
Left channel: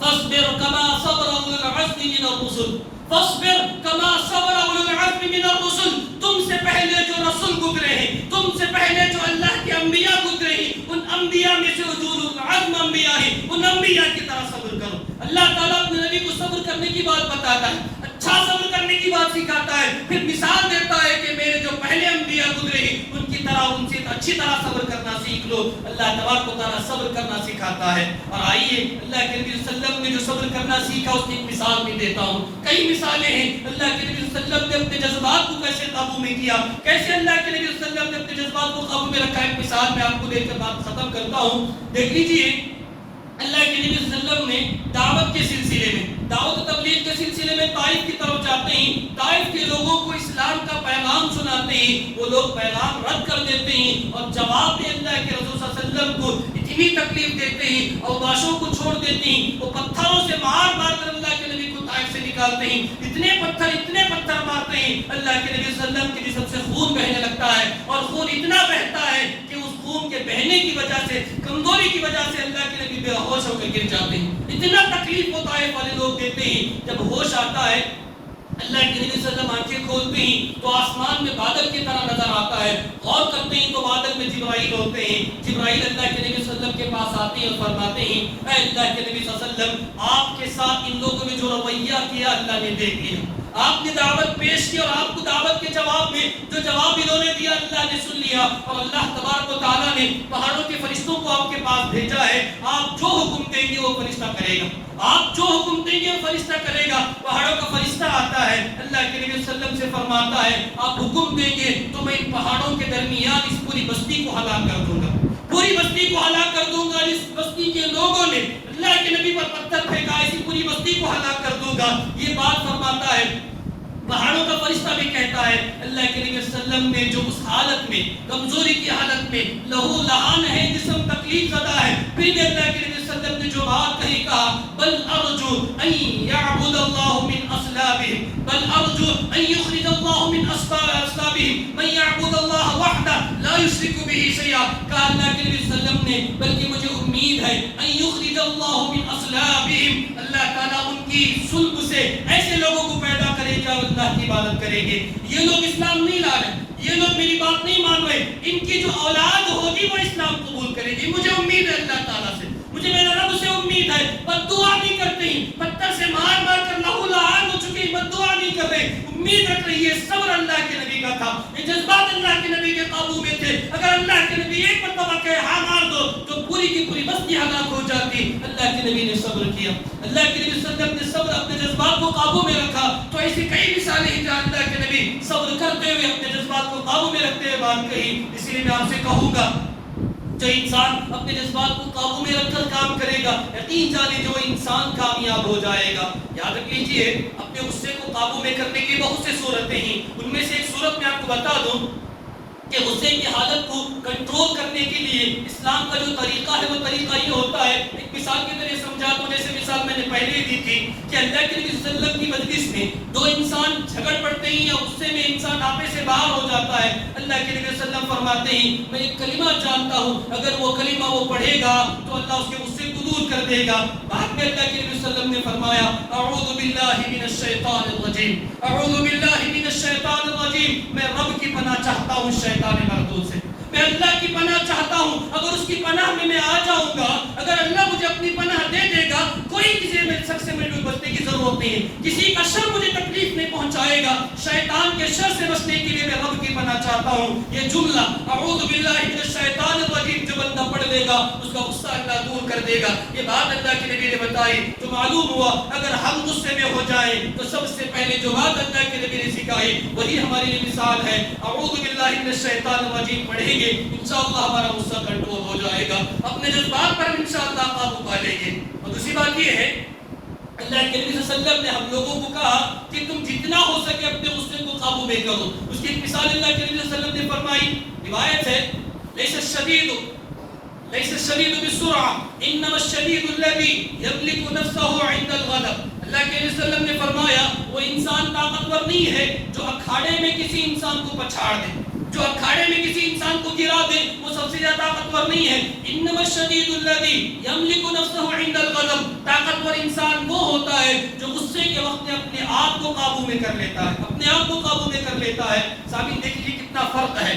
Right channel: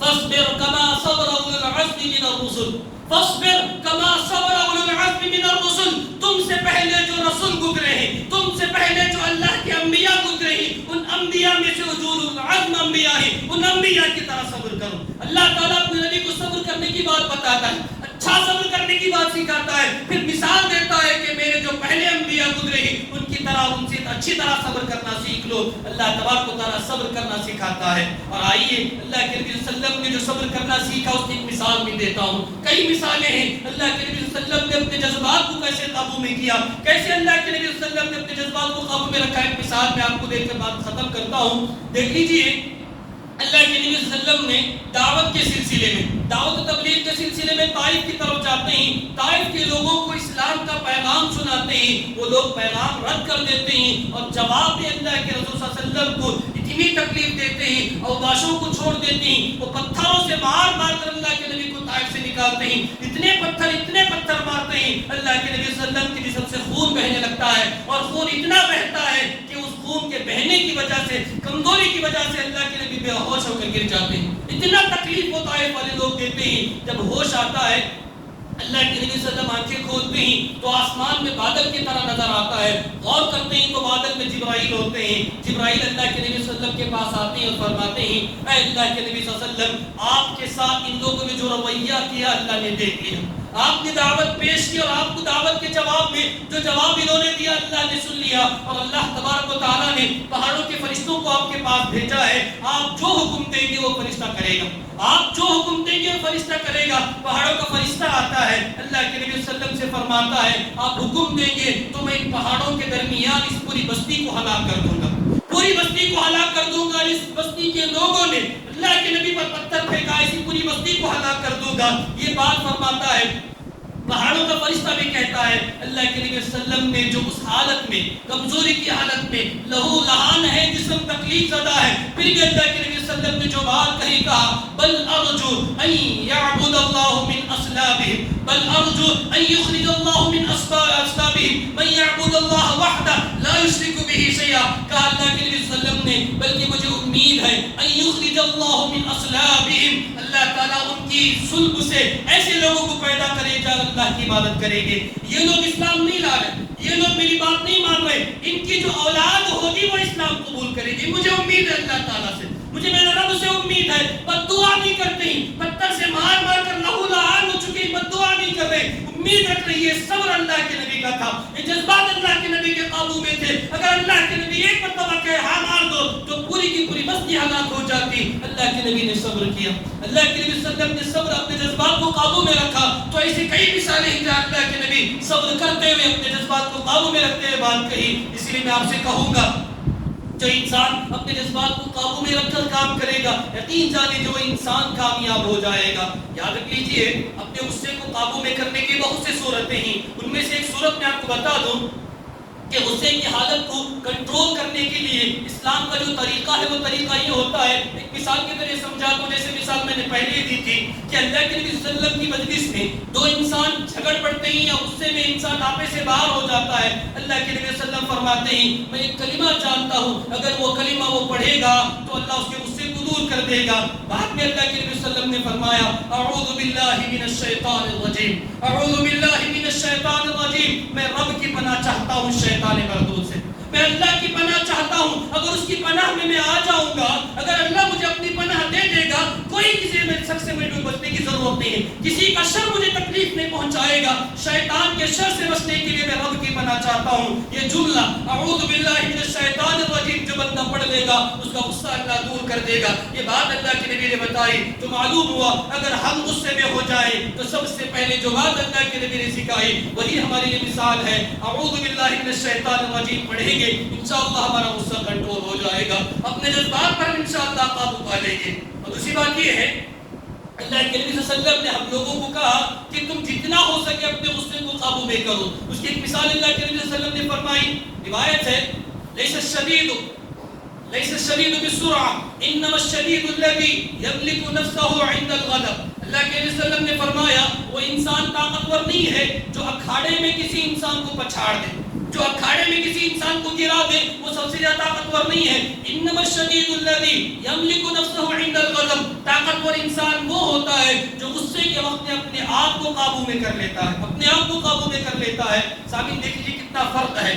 فَاصْبِرْ كَمَا صَبْرَ أُولُو الْعَزْمِ مِنَ الرُّسُلِ, فَاصْبِرْ كَمَا صَبْرَ أُولُو الْعَزْمِ مِنَ الرُّسُلِ, تم سے پہلے جو رسول گزرے ہیں, تم سے پہلے جو اللہ کے انبیاء گزرے ہیں, ان انبیاء میں سے اولو العزم انبیاء ہیں, ان انبیاء کی طرح صبر کرو. اللہ تعالیٰ اپنے نبی کو صبر کرنے کی بات بتاتا ہے, اچھا صبر کرنے کی بات سکھاتا ہے, پھر مثال دیتا ہے کہ میرے جو پہلے انبیاء گزرے ہیں ان کی طرح ان سے اچھی طرح صبر کرنا سیکھ لو. اللہ تبارک و تعالیٰ صبر کرنا سکھاتا ہے. اور آئیے اللہ کے نبی صلی اللہ علیہ وسلم نے جو صبر کرنا سیکھا اس کی ایک مثال بھی دیتا ہوں. کئی مثالیں ہیں اللہ کے نبی صلی اللہ علیہ وسلم نے اپنے جذبات کو کیسے قابو میں کیا, کیسے اللہ کے نبی صلی اللہ علیہ وسلم نے اپنے جذبات کو قابو میں رکھا. ایک مثال میں آپ کو دیکھ کر بات ختم کرتا ہوں. دیکھ لیجیے اللہ کے نبی صلی اللہ علیہ وسلم نے دعوت کے سلسلے میں, دعوت و تبلیغ کے سلسلے میں طائف کی طرف جاتے ہیں, طائف کے لوگوں کو اسلام کا پیغام سناتے ہیں, وہ لوگ پیغام رد کر دیتے ہیں اور جواب میں اللہ کے رسول صلی اللہ علیہ وسلم کو اتنی تکلیف دیتے ہیں, اوباشوں کو چھوڑ دیتے ہیں, وہ پتھروں سے مار مار کر اللہ کے نبی کو طائف سے نکالتے ہیں. اتنے پتھر مارتے ہیں, اللہ کے نبی صلی اللہ علیہ وسلم کے جسم سے خون بہنے لگتا ہے, اور خون اتنا بہتا ہے کہ اس خون کے بہنے کی وجہ سے, کمزوری کی وجہ سے اللہ کے نبی بے ہوش ہو کر گر جاتے ہیں. اتنا تکلیف وہ طائف والے لوگ دیتے ہیں. جب ہوش آتا ہے اللہ کے نبی صلی اللہ علیہ وسلم آنکھیں کھولتے ہیں تو آسمان میں بادل کی طرح نظر آتا ہے. غور کرتے ہیں تو بادل میں جبرائیل ہوتے ہیں. جبرائیل اللہ کے نبی صلی اللہ علیہ وسلم کے پاس آتے ہیں اور فرماتے ہیں اے اللہ کے نبی صلی اللہ علیہ وسلم, آپ کے ساتھ ان لوگوں نے جو رویہ کیا اللہ نے دیکھ لیا, آپ نے دعوت پیش کی اور آپ کو دعوت کے جواب میں جو جواب انہوں نے دیا اللہ نے سن لیا, اور اللہ تبارک و تعالیٰ نے پہاڑوں کے فرشتوں کو آپ کے پاس بھیجا ہے. آپ جو حکم دیں گے وہ فرشتہ کرے گا, آپ جو حکم دیں گے وہ فرشتہ کرے گا. پہاڑوں کا فرشتہ آتا ہے, اللہ کے نبی صلی اللہ علیہ وسلم سے فرماتا ہے آپ حکم دیں گے تو میں ان پہاڑوں کے درمیان اس پوری بستی کو ہلاک کر دوں گا, پوری بستی کو ہلاک کر دوں گا. اس بستی کے لوگوں نے اللہ کے نبی پر پتھر پھینکا, ایسی پوری بستی کو ہلاک کر دوں گا. یہ بات فرماتا ہے. پہاڑوں کا فرشتہ بھی کہتا ہے اللہ کے نبی صلی اللہ علیہ وسلم نے جو اس حالت میں, کمزوری کی حالت میں, لہو لہان ہے, جسم تکلیف زدہ ہے, پھر بھی اللہ کے نبی صلی اللہ علیہ وسلم نے جو بات کہی, کہا بل ارجو ان یعبد اللہ من اصلابہم, بل ارجو ان یخرج اللہ من اصلابہم من یعبد اللہ وحدہ لا یشرک بہ شیئا. کہا اللہ کے نبی صلی اللہ علیہ وسلم نے بلکہ مجھے امید ہے ان یخرج اللہ من اصلابہم, اللہ تعالیٰ ان کی صلب سے ایسے لوگوں کو پیدا کرے گا اللہ کی عبادت کریں گے. یہ لوگ اسلام نہیں لا رہے, یہ لوگ میری بات نہیں مان رہے, ان کی جو اولاد ہوگی وہ اسلام قبول کرے گی. مجھے امید ہے اللہ تعالیٰ سے, مجھے میرے رب سے امید ہے. پر دعا بھی کرتے ہیں, پتھر سے مار مار کر لہو لہان ہو چکے کی بد دعا نہیں کر رہے, امید رکھ رہی ہے. صبر اللہ کے نبی کا تھا, یہ جذبات اللہ کے نبی کے قابو میں تھے. اگر اللہ کے نبی ایک مرتبہ کہے ہاں مار دو تو پوری کی پوری بستی ہلاک ہو جاتی. اللہ کے نبی نے صبر کیا, اللہ کے نبی صلی اللہ علیہ وسلم نے صبر اپنے جذبات کو قابو میں رکھا. تو ایسی کئی مثالیں ہیں جہاں اللہ کے نبی صبر کرتے ہوئے اپنے جذبات کو قابو میں رکھتے ہوئے بات کہی. اس لیے میں آپ سے کہوں گا جو انسان اپنے جذبات کو قابو میں رکھ کر کام کرے گا, یقین جانے جو انسان کامیاب ہو جائے گا. یاد رکھیے اپنے غصے کو قابو میں کرنے کی بہت سی صورتیں ہیں. ان میں سے ایک صورت میں آپ کو بتا دوں کہ غصے کی حالت کو کنٹرول کرنے کے لیے اسلام کا جو طریقہ ہے وہ طریقہ یہ ہوتا ہے. ایک مثال کی طرح سمجھا تو جیسے مثال میں نے پہلے ہی دی تھی کہ اللہ کے نبی صلی اللہ علیہ وسلم کی مجلس میں دو انسان جھگڑ پڑتے ہیں یا غصے میں انسان آپے سے باہر ہو جاتا ہے. اللہ کے نبی صلی اللہ علیہ وسلم فرماتے ہیں میں ایک کلمہ جانتا ہوں, اگر وہ کلمہ وہ پڑھے گا تو اللہ اس کے غصے کو دور کر دے گا. بعد میں اللہ کے نبی صلی اللہ علیہ وسلم نے فرمایا اعوذ باللہ من الشیطان الرجیم, اعوذ باللہ من الشیطان الرجیم, میں رب کی پناہ چاہتا ہوں شیطان مردود سے, میں اللہ کی پناہ چاہتا ہوں. اگر اس کی پناہ میں آ جاؤں گا, اگر اللہ مجھے اپنی پناہ دے دے گا, کوئی کسی میرے شخص سے مجھے بچنے کی ضرورت نہیں ہے, کسی کا شر مجھے تکلیف نہیں پہنچائے گا. شیطان کے شر سے بچنے کے لیے میں رب کی پناہ چاہتا ہوں. یہ جملہ اعوذ باللہ من الشیطان الرجیم جو بندہ پڑھ لے گا اس کا غصہ اللہ دور کر دے گا. یہ بات اللہ کے نبی نے بتائی تو معلوم ہوا اگر ہم غصے میں ہو جائیں تو سب سے پہلے جو بات اللہ کے نبی نے سکھائی وہی ہمارے لیے مثال ہے. اعوذ باللہ من الشیطان الرجیم پڑھیں گے انشاءاللہ ہمارا غصہ کنٹرول ہو جائے گا, اپنے جذبات پر انشاءاللہ قابو پا لیں گے. اور دوسری بات یہ ہے اللہ کے نبی صلی اللہ علیہ وسلم نے ہم لوگوں کو کہا کہ تم جتنا ہو سکے اپنے غصے کو قابو میں کرو. اس کی ایک مثال اللہ کے نبی صلی اللہ علیہ وسلم نے فرمائی, روایت ہے لیس الشدید بالسرعہ انما الشدید الذی یملک نفسه عند الغضب. اللہ کے نبی صلی اللہ علیہ وسلم نے فرمایا وہ انسان طاقتور نہیں ہے جو اکھاڑے میں کسی انسان کو پچھاڑ دے, جو اکھاڑے میں کسی انسان کو گرا دے وہ سب سے زیادہ طاقتور نہیں ہے. انما الشدید الذی یملک نفسه عند الغضب, طاقتور انسان وہ ہوتا ہے جو غصے کے وقت میں اپنے آپ کو قابو میں کر لیتا ہے, اپنے آپ کو قابو میں کر لیتا ہے. سامنے دیکھیے کتنا فرق ہے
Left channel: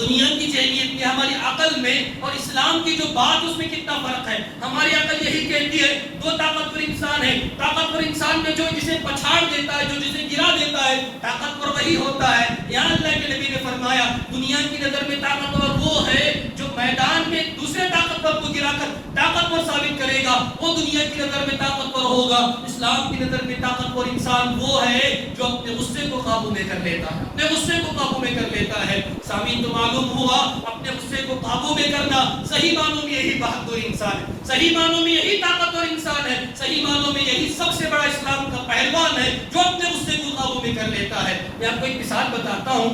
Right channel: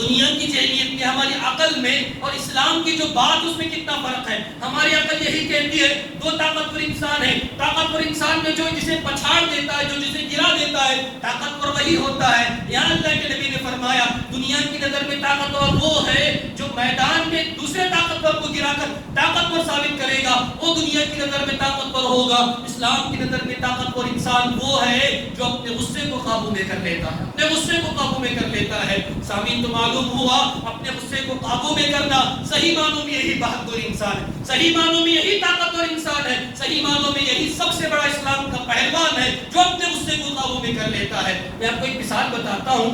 دنیا کی ذہنیت میں, ہماری عقل میں اور اسلام کی جو بات اس میں کتنا فرق ہے. ہماری عقل یہی کہتی ہے دو طاقتور انسان ہیں, طاقتور انسان میں جو جسے پچھاڑ دیتا ہے, جو جسے گرا دیتا ہے, طاقتور وہی ہوتا ہے. یہاں اللہ کے نبی نے فرمایا دنیا کی نظر میں طاقتور وہ ہے جو میدان میں دوسرے طاقتور کو گرا کر طاقتور ثابت کرے گا, وہ دنیا کی نظر میں طاقتور ہوگا. اسلام کی نظر میں طاقتور انسان وہ ہے جو اپنے غصے کو قابو میں کر لیتا ہے, اپنے غصے کو قابو میں کر لیتا ہے. سامعین تو معلوم ہوا اپنے غصے کو قابو میں کرنا صحیح معنوں میں یہی بہادر انسان ہے, صحیح معنوں میں یہی طاقتور انسان ہے, صحیح معنوں میں یہی سب سے بڑا اسلام کا پہلوان ہے جو اپنے غصے کو قابو میں کر لیتا ہے. میں آپ کو ایک مثال بتاتا ہوں.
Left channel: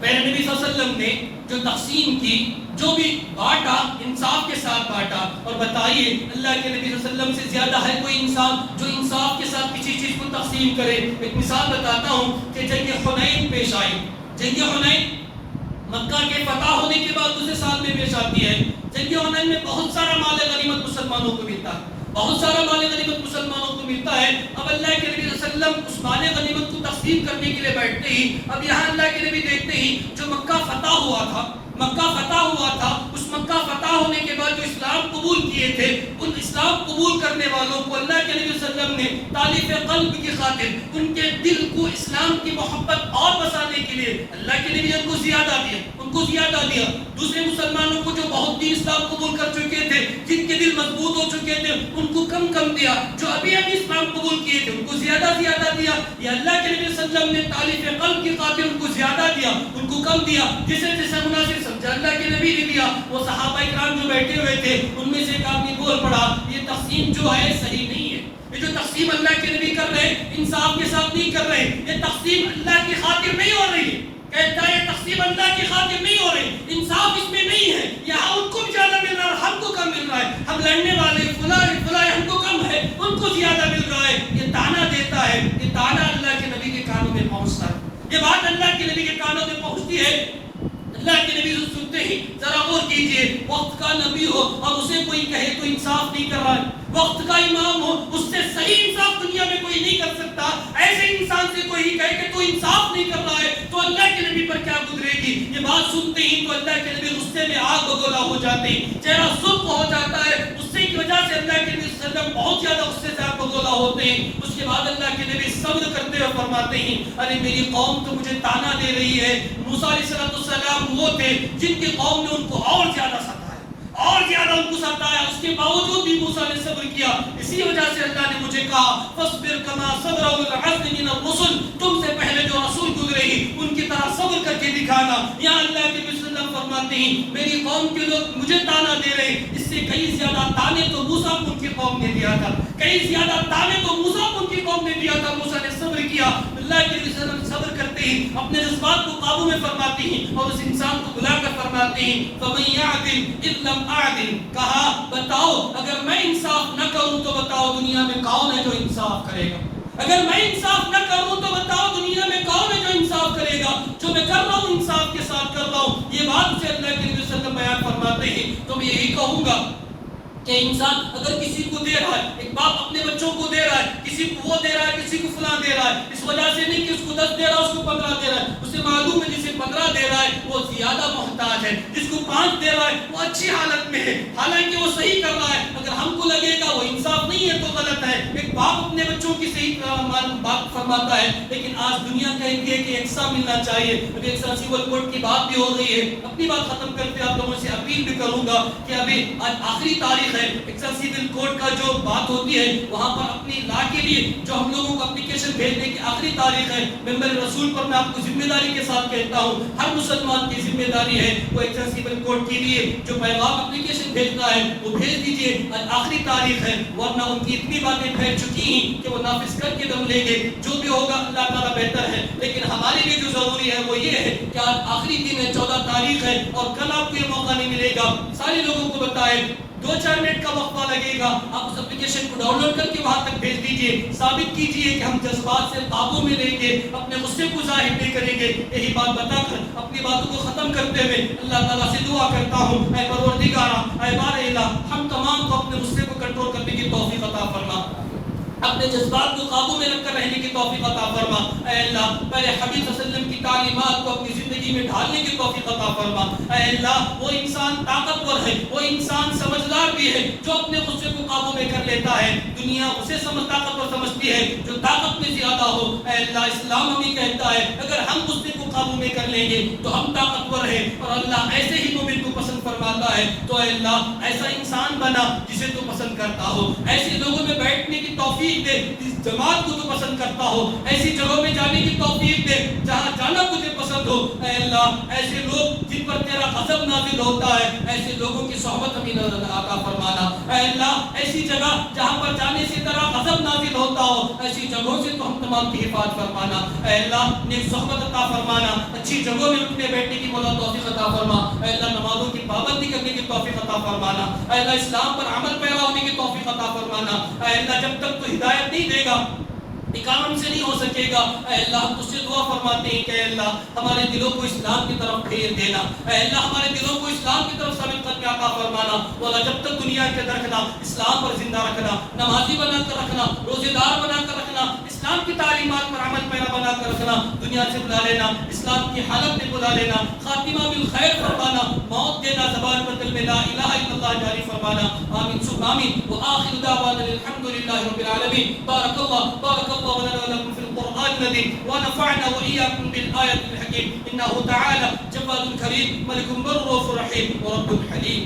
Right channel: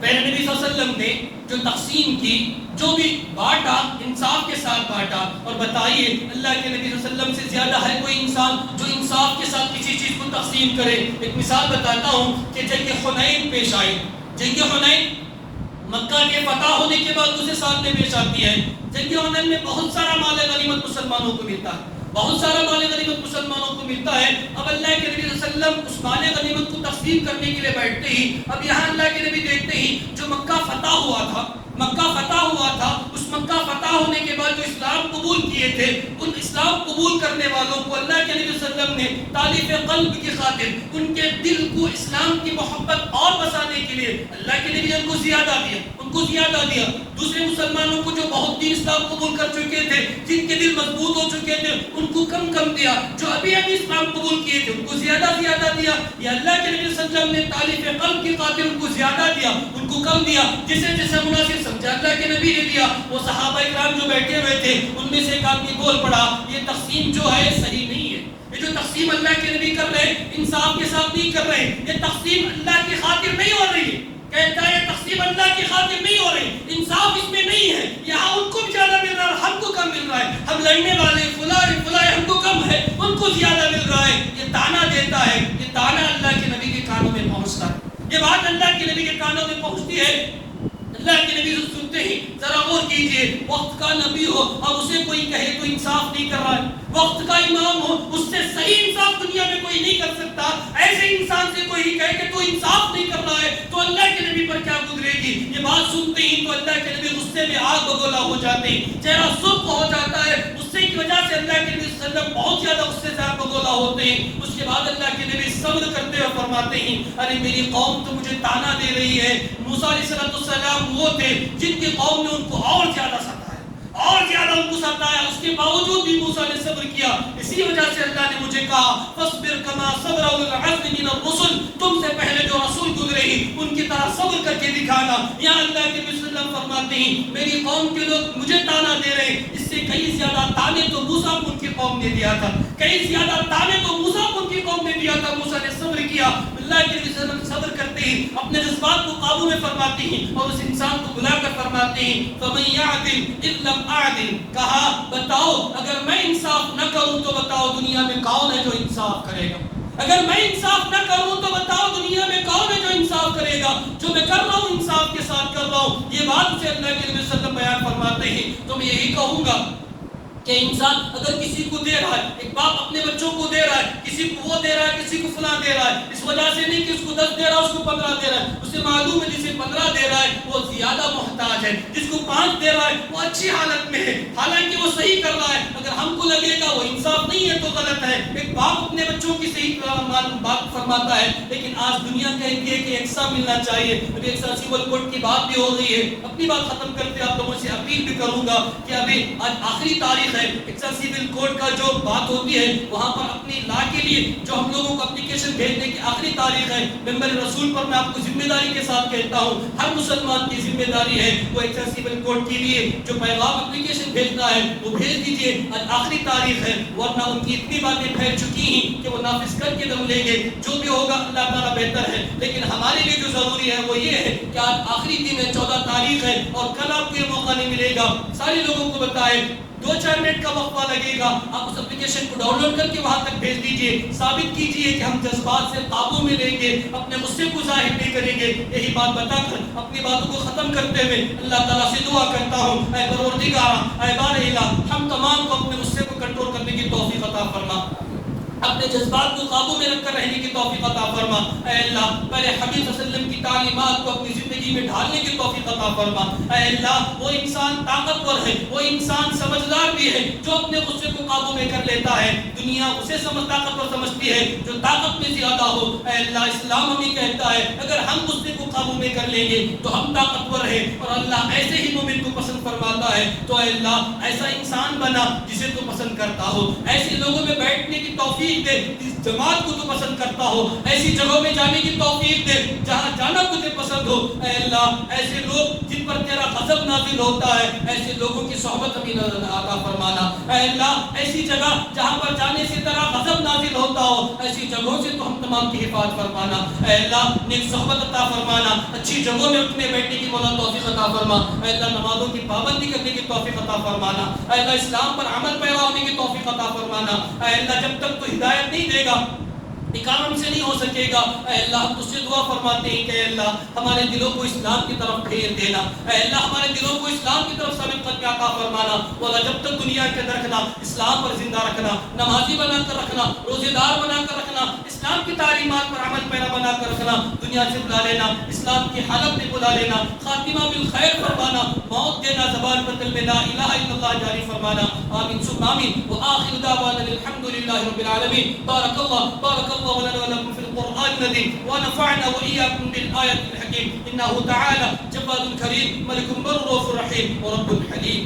پہلے نبی صلی اللہ علیہ وسلم نے جو تقسیم کی, جو بھی بانٹا انصاف کے ساتھ بانٹا. اور بتائیے اللہ کے نبی صلی اللہ علیہ وسلم سے زیادہ ہے کوئی انسان جو انصاف کے ساتھ کسی چیز کو تقسیم کرے. ایک مثال بتاتا ہوں کہ جنگ حنین پیش آئی. جنگ حنین مکہ کے فتح ہونے کے بعد دوسرے سال میں پیش آتی ہے. جنگ حنین میں بہت سارا مال غنیمت مسلمانوں کو ملتا ہے, بہت سارا مال غنیمت مسلمانوں کو ملتا ہے. اب اللہ کے نبی صلی اللہ علیہ وسلم اس مال غنیمت کو تقسیم کرنے کے لیے بیٹھتے ہی اب یہاں اللہ کے نبی دیکھتے ہی جو مکہ فتح ہوا تھا, مکہ فتح ہوا تھا, اس مکہ فتح ہونے کے بعد جو اسلام قبول کیے تھے ان اسلام قبول کرنے والوں کو اللہ کے نبی صلی اللہ علیہ وسلم نے تالیف قلب کی خاطر ان کے دل کو اسلام کی محبت اور بسانے کے لیے اللہ کے نبی ان کو زیادہ دیا, ان کو زیادہ دیا. دوسرے مسلمانوں کو جو بہت دن اسلام قبول کر چکے تھے, جن کے دل مضبوط ہو چکے تھے, ان کو کم کم دیا. جو ابھی ابھی اسلام قبول کیے تھے ان کو زیادہ زیادہ دیا. یا اللہ کے نبی صلی اللہ علیہ وسلم نے تالیف قلب کی خاطر ان کو زیادہ دیا, ان کو کم دیا. جسے جیسا مناسب سمجھا اللہ کے نبی نے دیا. وہ صحابہ کرام جو بیٹھے ہوئے تھے ان میں سے ایک آدمی بول پڑا یہ تقسیم جو ہے صحیح نہیں ہے, یہ جو تقسیم اللہ کے نبی کر رہے ہیں انصاف کے ساتھ نہیں کر رہے, یہ تقسیم اللہ کی خاطر نہیں ہو رہی ہے. کہتا ہے تقسیم اللہ کی خاطر نہیں ہو رہی, انصاف اس میں نہیں ہے. یہاں ان کو بھی زیادہ مل رہا ہے, ہم کو کم مل رہا ہے. ہم لڑنے والے فلاں ہم کو کم ہے, ان کو زیادہ مل رہا ہے. یہ تانا دیتا ہے, یہ تانا اللہ کے نبی کے کانوں میں پہنچتا ہے, یہ بات اللہ کے نبی کے کانوں میں پہنچتی ہے. اللہ کے نبی سنتے ہی ذرا غور کیجئے, وقت کا نبی ہو اور اسے کوئی کہے تو انصاف نہیں کر رہا ہے, وقت کا امام ہو اس سے صحیح انصاف دنیا میں کوئی نہیں کر سکتا, ایسے انسان سے کوئی کہے کہ تو انصاف نہیں کر رہا ہے تو اللہ کے نبی پر کیا گزرے گی. یہ بات سنتے ہی تو اللہ کے نبی غصے میں آگ بگولا ہو جاتے ہیں, چہرہ سرخ ہو جاتا ہے. غصے کی وجہ سے اللہ کے نبی صلی اللہ علیہ وسلم بہت زیادہ غصے سے آگ بگولا ہوتے ہیں. اس اس کے بعد اللہ کے نبی صبر کرتے ہوئے فرماتے ہیں ارے میری قوم تو مجھے تانا دے رہی ہے. موسیٰ علیہ السلام وہ تھے جن کی قوم نے ان کو اور زیادہ ستایا، اور زیادہ ان کو ستایا، اس کے باوجود بھی موسیٰ نے صبر کیا. اسی وجہ سے اللہ نے مجھے کہا فاصبر کما صبر اولو العزم من الرسل، تم سے پہلے جو رسول گزرے ان کی طرح صبر کر کے دکھانا. یا اللہ کے نبی صلی اللہ علیہ وسلم فرماتے ہیں میری قوم کے لوگ مجھے تانا دے رہے، اس سے کئی زیادہ تانے تو موسیٰ کو ان کی قوم نے دیا تھا، کئی زیادہ تانے تو موسیٰ کو ان کی قوم نے دیا تھا. موسیٰ نے صبر کیا. اللہ کے نبی صلی اللہ علیہ وسلم صبر کرتے ہیں، اپنے جذبات کو قابو میں فرماتے ہیں اور اس انسان کو بلا کر فرماتے ہیں فَمَن يَعْدِلْ إِذْ لَمْ أَعْدِلْ، کہا بتاؤ اگر میں انصاف نہ کروں تو بتاؤ دنیا میں کون ہے جو انصاف کرے گا. اگر میں انصاف نہ کروں تو بتاؤ دنیا میں کون ہے جو انصاف کرے گا. جو میں کر رہا ہوں انصاف کے ساتھ کر رہا ہوں. یہ بات سے اللہ کے نبی صلی اللہ علیہ وسلم بیان فرماتے ہیں. تو میں یہی کہوں گا کہ انسان اگر کسی کو دے رہا ہے، ایک باپ اپنے بچوں کو دے رہا ہے، کسی کو وہ دے رہا ہے، کسی کو فلاں دے رہا ہے، اس وجہ سے نہیں کہ اس کو 10 دے رہا ہے اس کو 15 دے رہا ہے. اسے معلوم ہے جسے 15 دے رہا ہے وہ زیادہ محتاج ہے، جس کو 5 دے رہا ہے وہ اچھی حالت میں ہے، حالانکہ وہ صحیح کر رہا ہے. اگر ہم کو لگے گا وہ انصاف نہیں ہے تو غلط ہے. ایک باپ اپنے بچوں کی صحیح بات فرماتا ہے، لیکن آج دنیا کہتی ہے کہ یکساں ملنا چاہیے. مجھے یکساں سول کوڈ کی بات بھی ہو رہی ہے. اپنی بات ختم کرتے آپ لوگوں سے اپیل بھی کروں گا کہ ابھی آج آخری تاریخ ہے. سول کوڈ کا جو بات ہوتی ہے وہاں پر اپنی لا کے لیے جو ہم لوگوں کو اپلیکیشن بھیجنے کی آخری تاریخ ہے. ممبر رسول پر میں آپ کو ذمہ داری کے ساتھ کہتا ہوں ہر مسلمان کی ذمہ داری ہے وہ سول کوڈ کے لیے جو پیغام اپلیکیشن بھیجنا ہے وہ بھیج دیجیے. آج آخری تاریخ ہے ورنہ ان کی اتنی باتیں پھیل چکی ہیں کہ وہ نافذ کر کے دم لیں گے. جو بھی ہوگا اللہ تعالیٰ بہتر ہے، لیکن ہمارے لیے جو ضروری ہے وہ یہ ہے کہ آج آخری دن ہے، 14 تاریخ ہے اور کل آپ کو یہ موقع نہیں ملے گا. سارے لوگوں کو بتائے 2-4 منٹ کا وقفہ لگے گا. آپ اس اپلیکیشن کو ڈاؤن لوڈ کر کے وہاں تک بھیج دیجیے. ثابت کیجیے کہ ہم جذبات سے قابو میں لیں گے، اپنے غصے کو ظاہر نہیں کریں گے. یہی بات بتا کر اپنی باتوں کو ختم کرتے ہوئے اللہ تعالیٰ سے دعا کرتا ہوں اے پروردگار، اے بار الہ، ہم تمام کو اپنے غصے کو کنٹرول کرنے کی توفیق عطا فرما، اپنے جذبات کو قابو میں رکھ کر رہنے کی توفیق عطا فرما. اے اللہ پہلے حبیب صلی اللہ علیہ وسلم کی تعلیمات کو اپنی زندگی میں ڈھالنے کی توفیق عطا فرما. اے اللہ وہ انسان طاقتور ہے، وہ انسان سمجھدار بھی ہے جو اپنے غصے کو قابو میں کر لیتا ہے. دنیا اسے طاقتور سمجھتی ہے جو طاقت میں زیادہ ہو. اے اللہ اسلام ہمیں کہتا ہے اگر ہم غصے کو قابو میں کر لیں گے تو ہم طاقتور ہیں اور اللہ ایسے ہی مومن کو پسند فرماتا ہے. تو اے اللہ ایسا انسان بنا جسے تو پسند کرتا ہو، ایسے لوگوں میں بیٹھنے کی توفیق دے جس جماعت کو تو پسند کرتا ہو، ایسی جگہوں میں جانے کی توفیق دے جہاں جانا تجھے پسند ہو. اے اللہ ایسے لوگ جن پر تیرا غضب نازل ہوتا ہے ایسے لوگوں کی صحبت ہمیں عطا فرمانا. اے اللہ ایسی جگہ جہاں پر جانے سے تیرا غضب نازل ہوتا ہو ایسی جگہوں سے تو ہم تمام کی حفاظت فرمانا. اے اللہ نیک صحبت عطا فرمانا، اچھی جگہوں میں اٹھنے بیٹھنے کی مولا توفیق عطا فرما. اے اللہ نمازوں کی پابندی کرنے کی توفیق عطا فرمانا. اے اللہ اسلام پر عمل پیرا ہونے کی توفیق عطا فرمانا. اے اللہ جب تک تو ہدایت نہیں دے گا کام سے نہیں ہو سکے گا. اے اللہ ہم تجھ سے دعا فرماتے ہیں کہ اے اللہ ہمارے دلوں کو اسلام کی طرف پھیر دینا. اے اللہ ہمارے دلوں کو اسلام کی طرف سبقت کا عطا فرمانا. والا جب تک دنیا کے اندر رکھنا، اسلام پر زندہ رکھنا، نمازی بنا کر رکھنا، روزے دار بنا کر رکھنا، اسلام کی تعلیمات پر عمل پیرا بنا کر رکھنا، دنیا سے بلا لینا، اسلام کی حالت میں بلا لینا، خاتمہ بالخیر فرمانا، موت دینا، زبان پر دل میں لا الہ الا اللہ جاری فرمانا. آمین ثم آمین. وآخر دعوانا الحمد للہ رب العالمین. بارک اللہ ولنا ولكم في القرآن العظيم ونفعنا وإياكم بالآية الحكيم. إنه تعالى جواد كريم ملك بر رحيم ورب حليم.